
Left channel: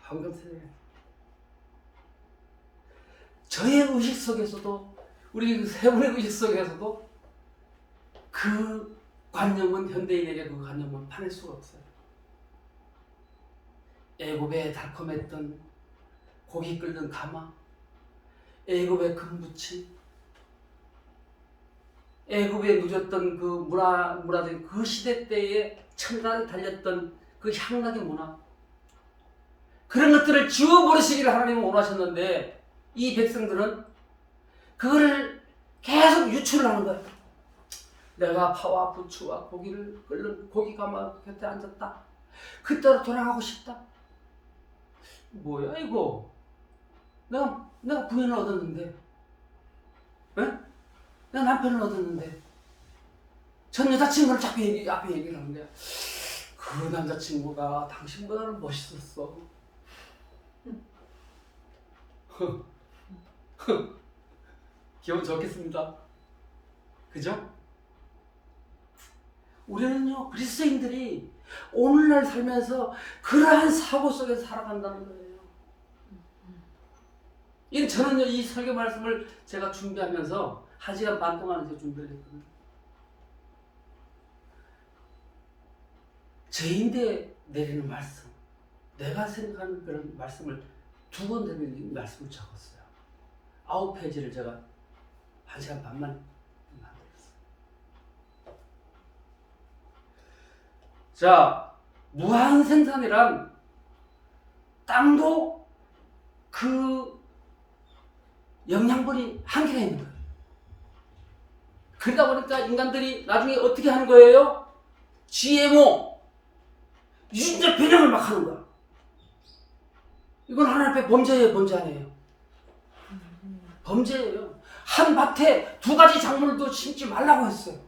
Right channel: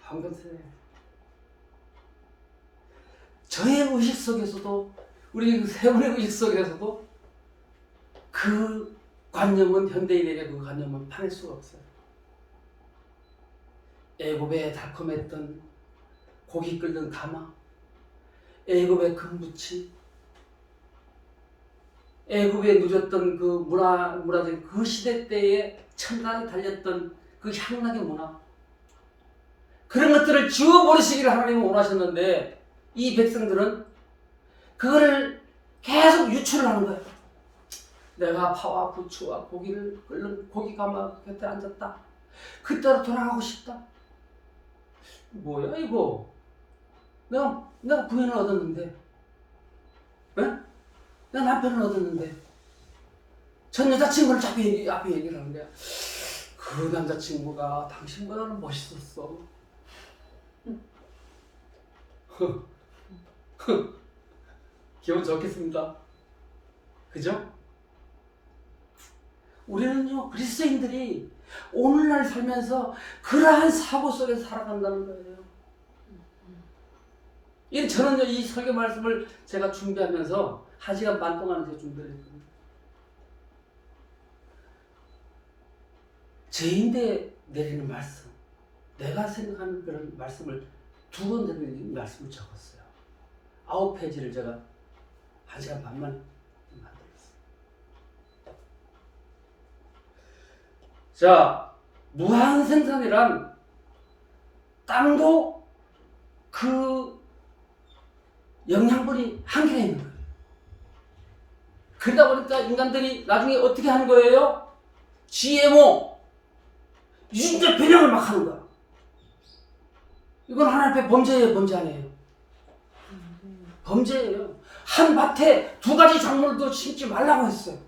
황금세상에. 저의 의식 속에서도 우리 그 세월의 의식 속에서도 그 관념은 현대인에게 그 관념은 파낼 수가 없어요. 애굽에 달콤했던 고기 끓는 가마, 애굽의 금부치, 애굽에 누렸던 그 문화들 그 시대 때에 첨단이 달렸던 그 향락의 문화 그런 것들을 지워버리시기를 하나님은 원하셨는데 이 백성들은 그거를 계속 유출을 하는 거예요. 내가 파와 부추와 고기를 끓는 고기 가마 곁에 앉았다. 그때로 돌아가고 싶다. 뭐야 이거? 내가 부인을 얻었는데, 에? 내가 남편을 얻었는데, 전 여자친구를 자꾸 앞에 얘기를 하는데, 그 남자친구가 당신보다는 멋있었어. 기분 좋겠습니다. 그죠? 우리는요 그리스도인들이 오늘날 살면서 그러한 사고 속에서 살아간다는 거예요. 저는요 이 설교 말씀을 제가 준비하면서 1시간 반 동안 제가 준비를 했거든요. 제인데 내리는 말씀, 내가 생각하는 그런 말씀을 2번 되는 말씀을 적었어요. 9페이지를 제가 1시간 반만 만들었어요. 자, 무한 생산이란 땅도 그 영양분이 한계가 있는 거예요. 그러다 보니까 인간들이 나중에 어떻게 하는 거예요? GMO, 유전자 변형을 막 하는 거야. 이건 하나님 앞에 범죄예요, 범죄 아니에요? 범죄예요. 한 밭에 2가지 작물도 심지 말라고 했어요.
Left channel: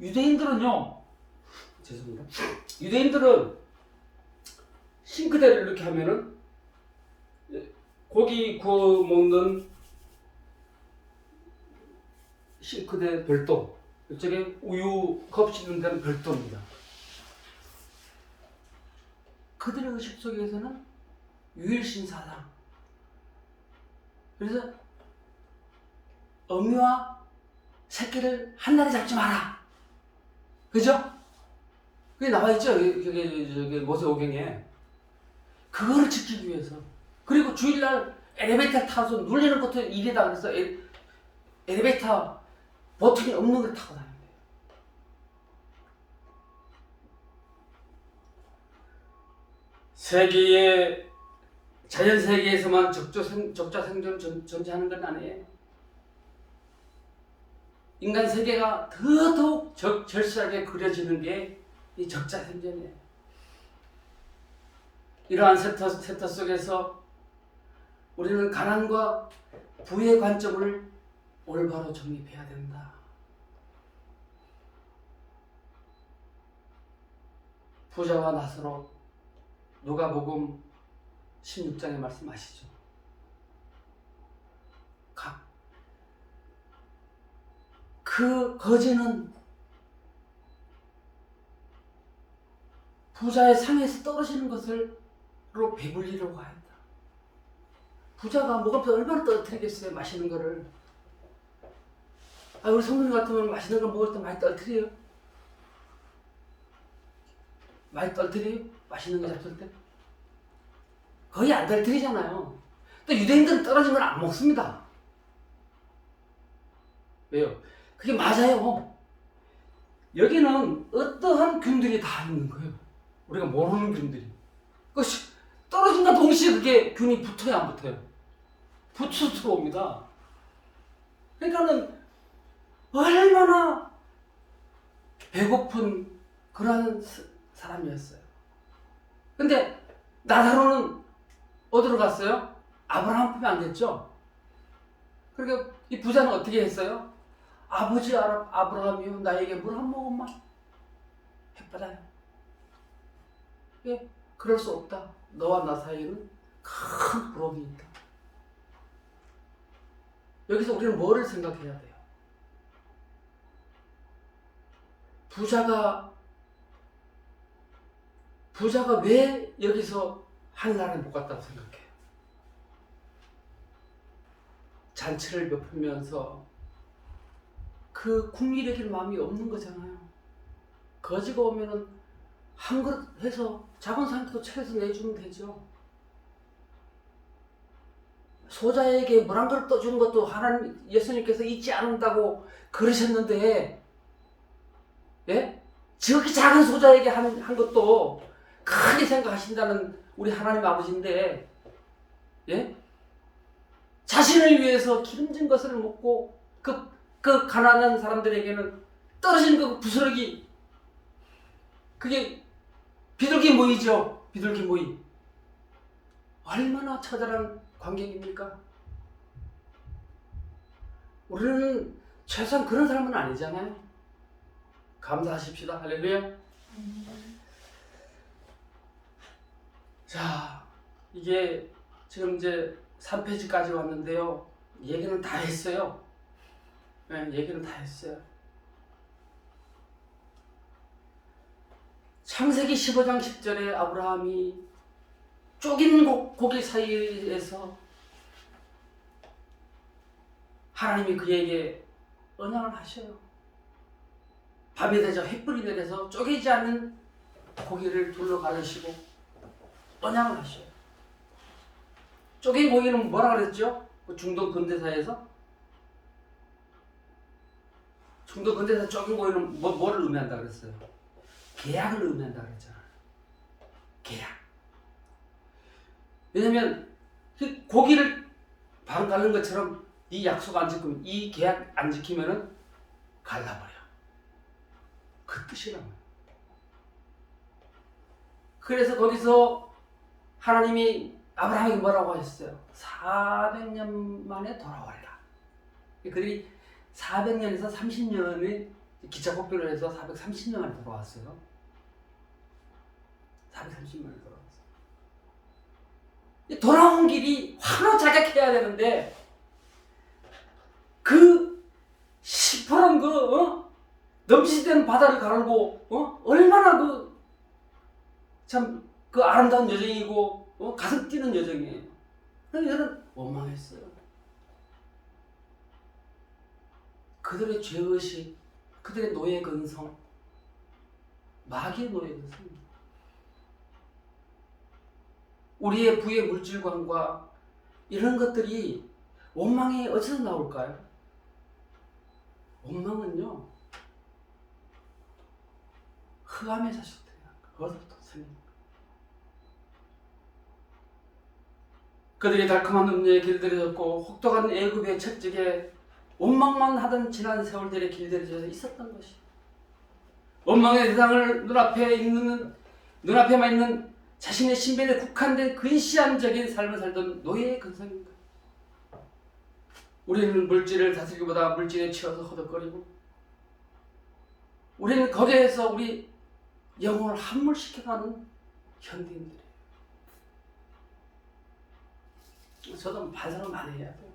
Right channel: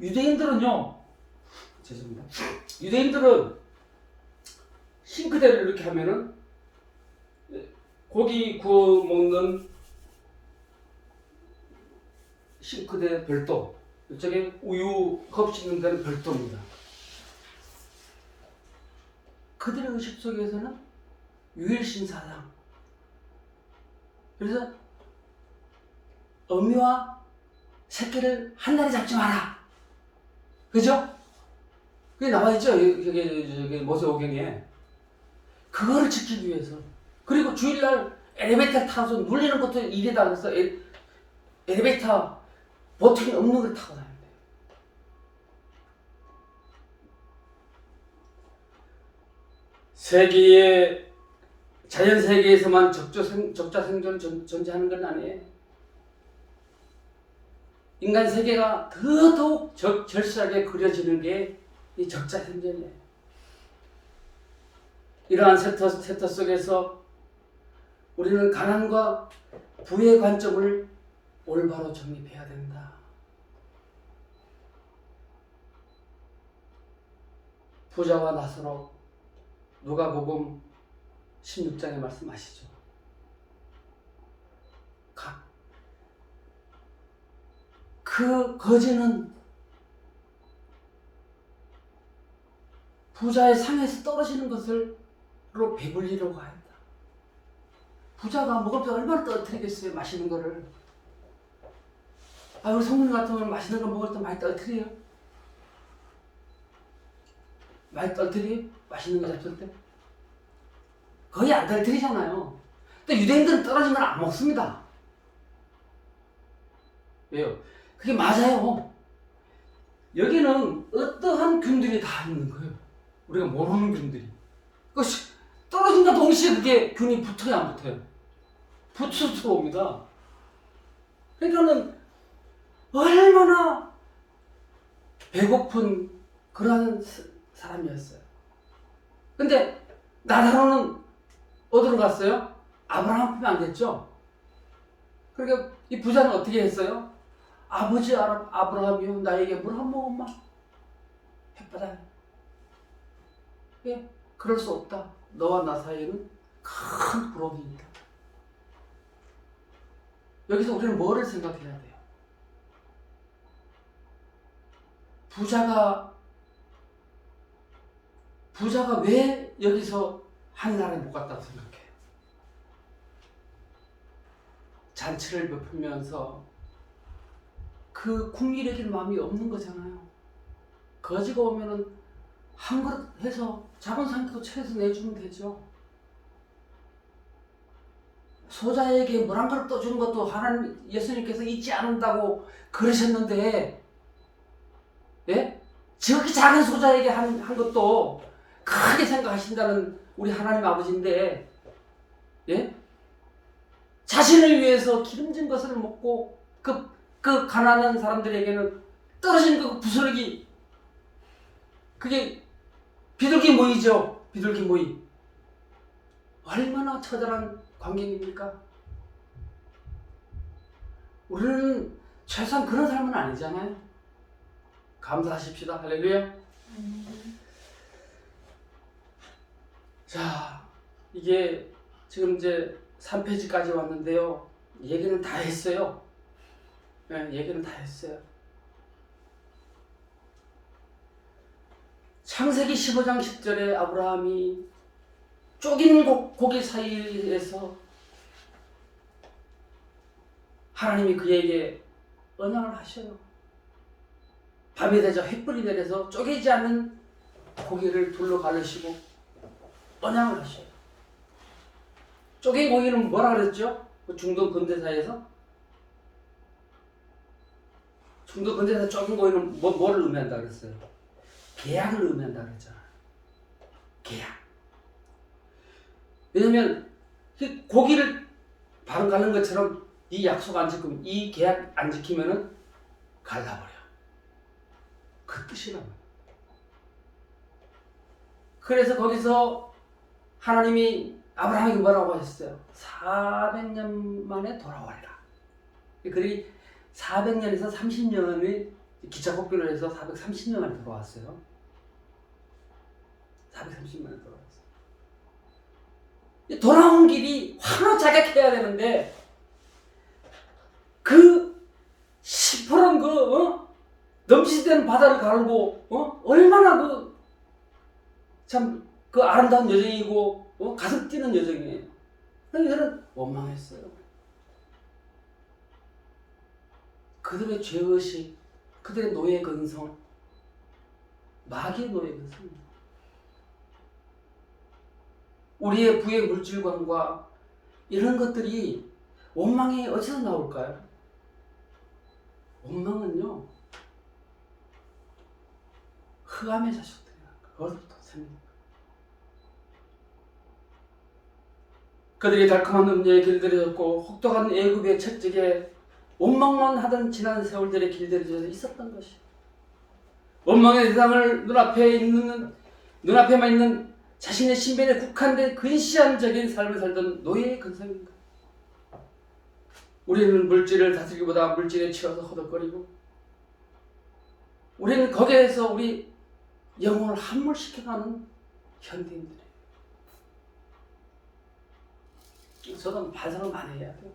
유대인들은요, 죄송합니다. 유대인들은 싱크대를 이렇게 하면은 고기 구워 먹는 싱크대 별도, 이쪽에 우유 컵 씻는 데는 별도입니다. 그들의 의식 속에서는 유일신사상. 그래서 어미와 새끼를 한 날에 잡지 마라. 그죠? 그게 나와있죠? 저기 모세오경에. 그거를 지키기 위해서. 그리고 주일날 엘리베이터 타서 눌리는 것도 일이다 그래서 엘리베이터 버튼이 없는 걸 타고 다녀야 돼요. 세계의 자연 세계에서만 적자 생존 존재하는 건 아니에요. 인간 세계가 더더욱 절실하게 그려지는 게 이 적자 생존이에요. 이러한 세터 속에서 우리는 가난과 부의 관점을 올바로 정립해야 된다. 부자와 나사로 누가복음 16장의 말씀 아시죠? 그 거지는 부자의 상에서 떨어지는 것으로 배불리려고 하였다. 부자가 먹으면서 얼마나 떨어뜨리겠어요, 맛있는 거를. 우리 성도님 같으면 맛있는 거 먹을 때 많이 떨어뜨려요? 많이 떨어뜨려요? 맛있는 거 잡술 때? 거의 안 떨어뜨리잖아요. 또 유대인들은 떨어지면 안 먹습니다. 왜요? 그게 맞아요. 여기는 어떠한 균들이 다 있는 거예요. 우리가 모르는 균들이. 그것이 떨어진과 동시에 그게 균이 붙어야 안 붙어요? 붙어서 들어옵니다. 그러니까는 얼마나 배고픈 그런 사람이었어요. 근데 나사로는 어디로 갔어요? 아브라함 품에 안 됐죠? 그러니까 이 부자는 어떻게 했어요? 아버지 아브라함이요, 나에게 물 한 모금만 해받아요. 왜? 그럴 수 없다. 너와 나 사이에는 큰 부러움이 있다. 여기서 우리는 뭐를 생각해야 돼요? 부자가 왜 여기서 한나라에 못 갔다고 생각해요? 잔치를 베풀면서 그 국리력일 마음이 없는 거잖아요. 거지가 오면은 한 그릇 해서 작은 상태도 채해서 내주면 되죠. 소자에게 물 한 그릇 떠주는 것도 하나님 예수님께서 잊지 않는다고 그러셨는데, 예? 저기 작은 소자에게 한 것도 크게 생각하신다는 우리 하나님 아버지인데, 예? 자신을 위해서 기름진 것을 먹고 그 가난한 사람들에게는 떨어진 그 부스러기, 그게 비둘기 모이죠. 비둘기 모이. 얼마나 처절한 광경입니까? 우리는 최소한 그런 삶은 아니잖아요. 감사하십시다. 할렐루야. 자, 이게 지금 이제 3페이지까지 왔는데요. 얘기는 다 했어요. 네, 얘기는 다 했어요. 창세기 15장 10절에 아브라함이 쪼긴 고기 사이에서 하나님이 그에게 언약을 하셔요. 밤이 되자 햇불이 내려서 쪼개지 않는 고기를 둘러 가르시고 언약을 하셔요. 쪼갠 고기는 뭐라 그랬죠? 그 중동 근대사에서? 중동 근대사 쪼갠 고기는 뭐를 의미한다 그랬어요? 계약을 의미한다 그랬잖아요. 계약. 왜냐면 그 고기를 반 갈는 것처럼 이 약속 안 지키면, 이 계약 안 지키면은 갈라버려. 그 뜻이라고. 그래서 거기서 하나님이 아브라함에게 뭐라고 하셨어요? 400년 만에 돌아와라. 그들이 400년에서 30년을 기차 복귀를 해서 430년 만에 돌아왔어요. 430년 만에 돌아왔어요. 돌아온 길이 환호자격해야 되는데 그 시퍼런 넘치는 바다를 가르고 얼마나 참 그 아름다운 여정이고 가슴 뛰는 여정이에요. 그래서 저는 원망했어요. 그들의 죄의식, 그들의 노예 근성, 마귀의 노예 근성, 우리의 부의 물질관과 이런 것들이 원망이 어디서 나올까요? 원망은요, 흑암의 자식들이에요. 거기서부터 생깁니다. 그들이 달콤한 음료에 길들여졌고 혹독한 애굽의 채찍에 원망만 하던 지난 세월들의 길들여져 있었던 것이, 원망의 대상을 눈앞에만 있는 자신의 신변에 국한된 근시안적인 삶을 살던 노예의 근성입니다. 우리는 물질을 다스리기보다 물질에 치여서 허덕거리고, 우리는 거기에서 우리 영혼을 함몰시켜가는 현대인들이에요. 저도 반성을 많이 해야 돼요.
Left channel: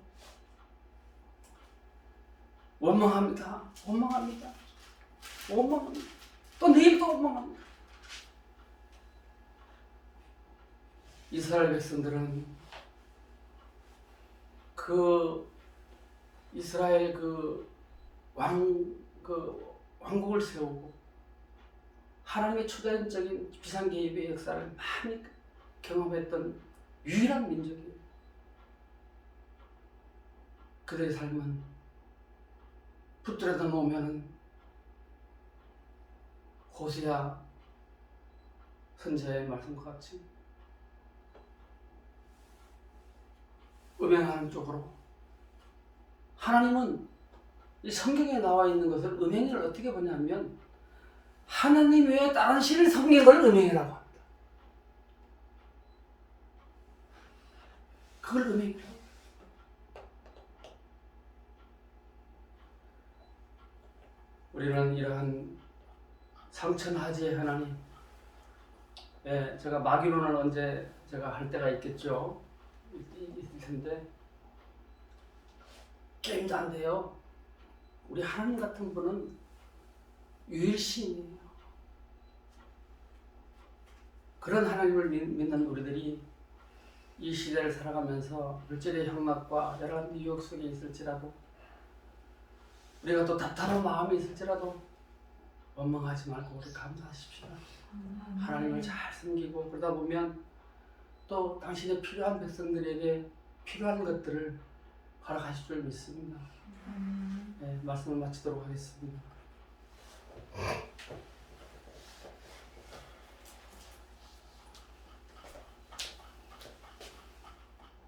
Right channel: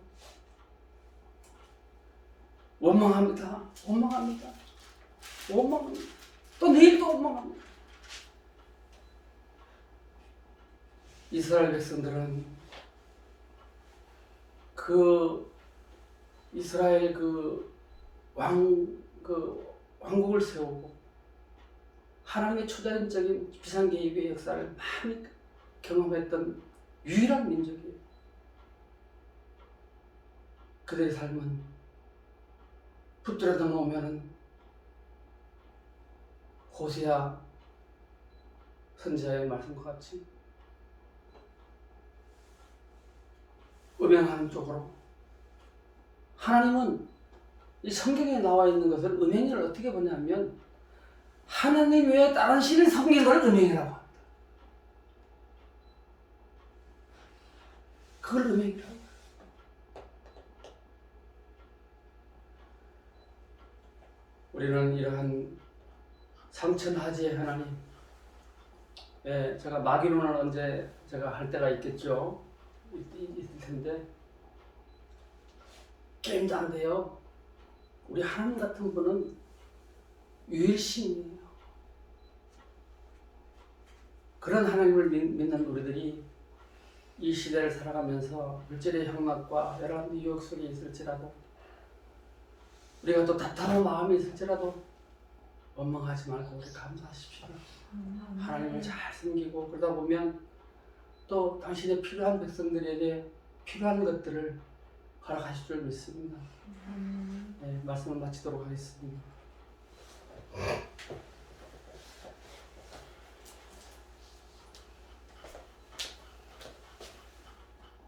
원망합니다. 원망합니다. 원망합니다. 또 내일도 원망합니다. 이스라엘 백성들은 그 이스라엘 왕국을 세우고 하나님의 초자연적인 비상 개입의 역사를 많이 경험했던 유일한 민족이에요. 그들의 삶은 붙들어 놓으면은 호세아 선지자의 말씀과 같이 음행하는 쪽으로, 하나님은 이 성경에 나와 있는 것을 음행을 어떻게 보냐면 하나님 외에 다른 신을 섬기는 걸 음행이라고 합니다. 그걸 음행이라고 해요. 우리는 이러한 상천하지의 하나님, 제가 마귀론을 언제 제가 할 때가 있겠죠. 있을 텐데 게임도 안 돼요. 우리 하나님 같은 분은 유일신이에요. 그런 하나님을 믿는 우리들이 이 시대를 살아가면서 물질의 향락과 여러 유혹 속에 있을지라도, 우리가 또 답답한 마음이 있을지라도 원망하지 말고 우리 감사하십시오. 하나님을 잘 섬기고 그러다 보면 또 당신의 필요한 백성들에게 필요한 것들을 허락하실 줄 믿습니다. 말씀을 마치도록 하겠습니다.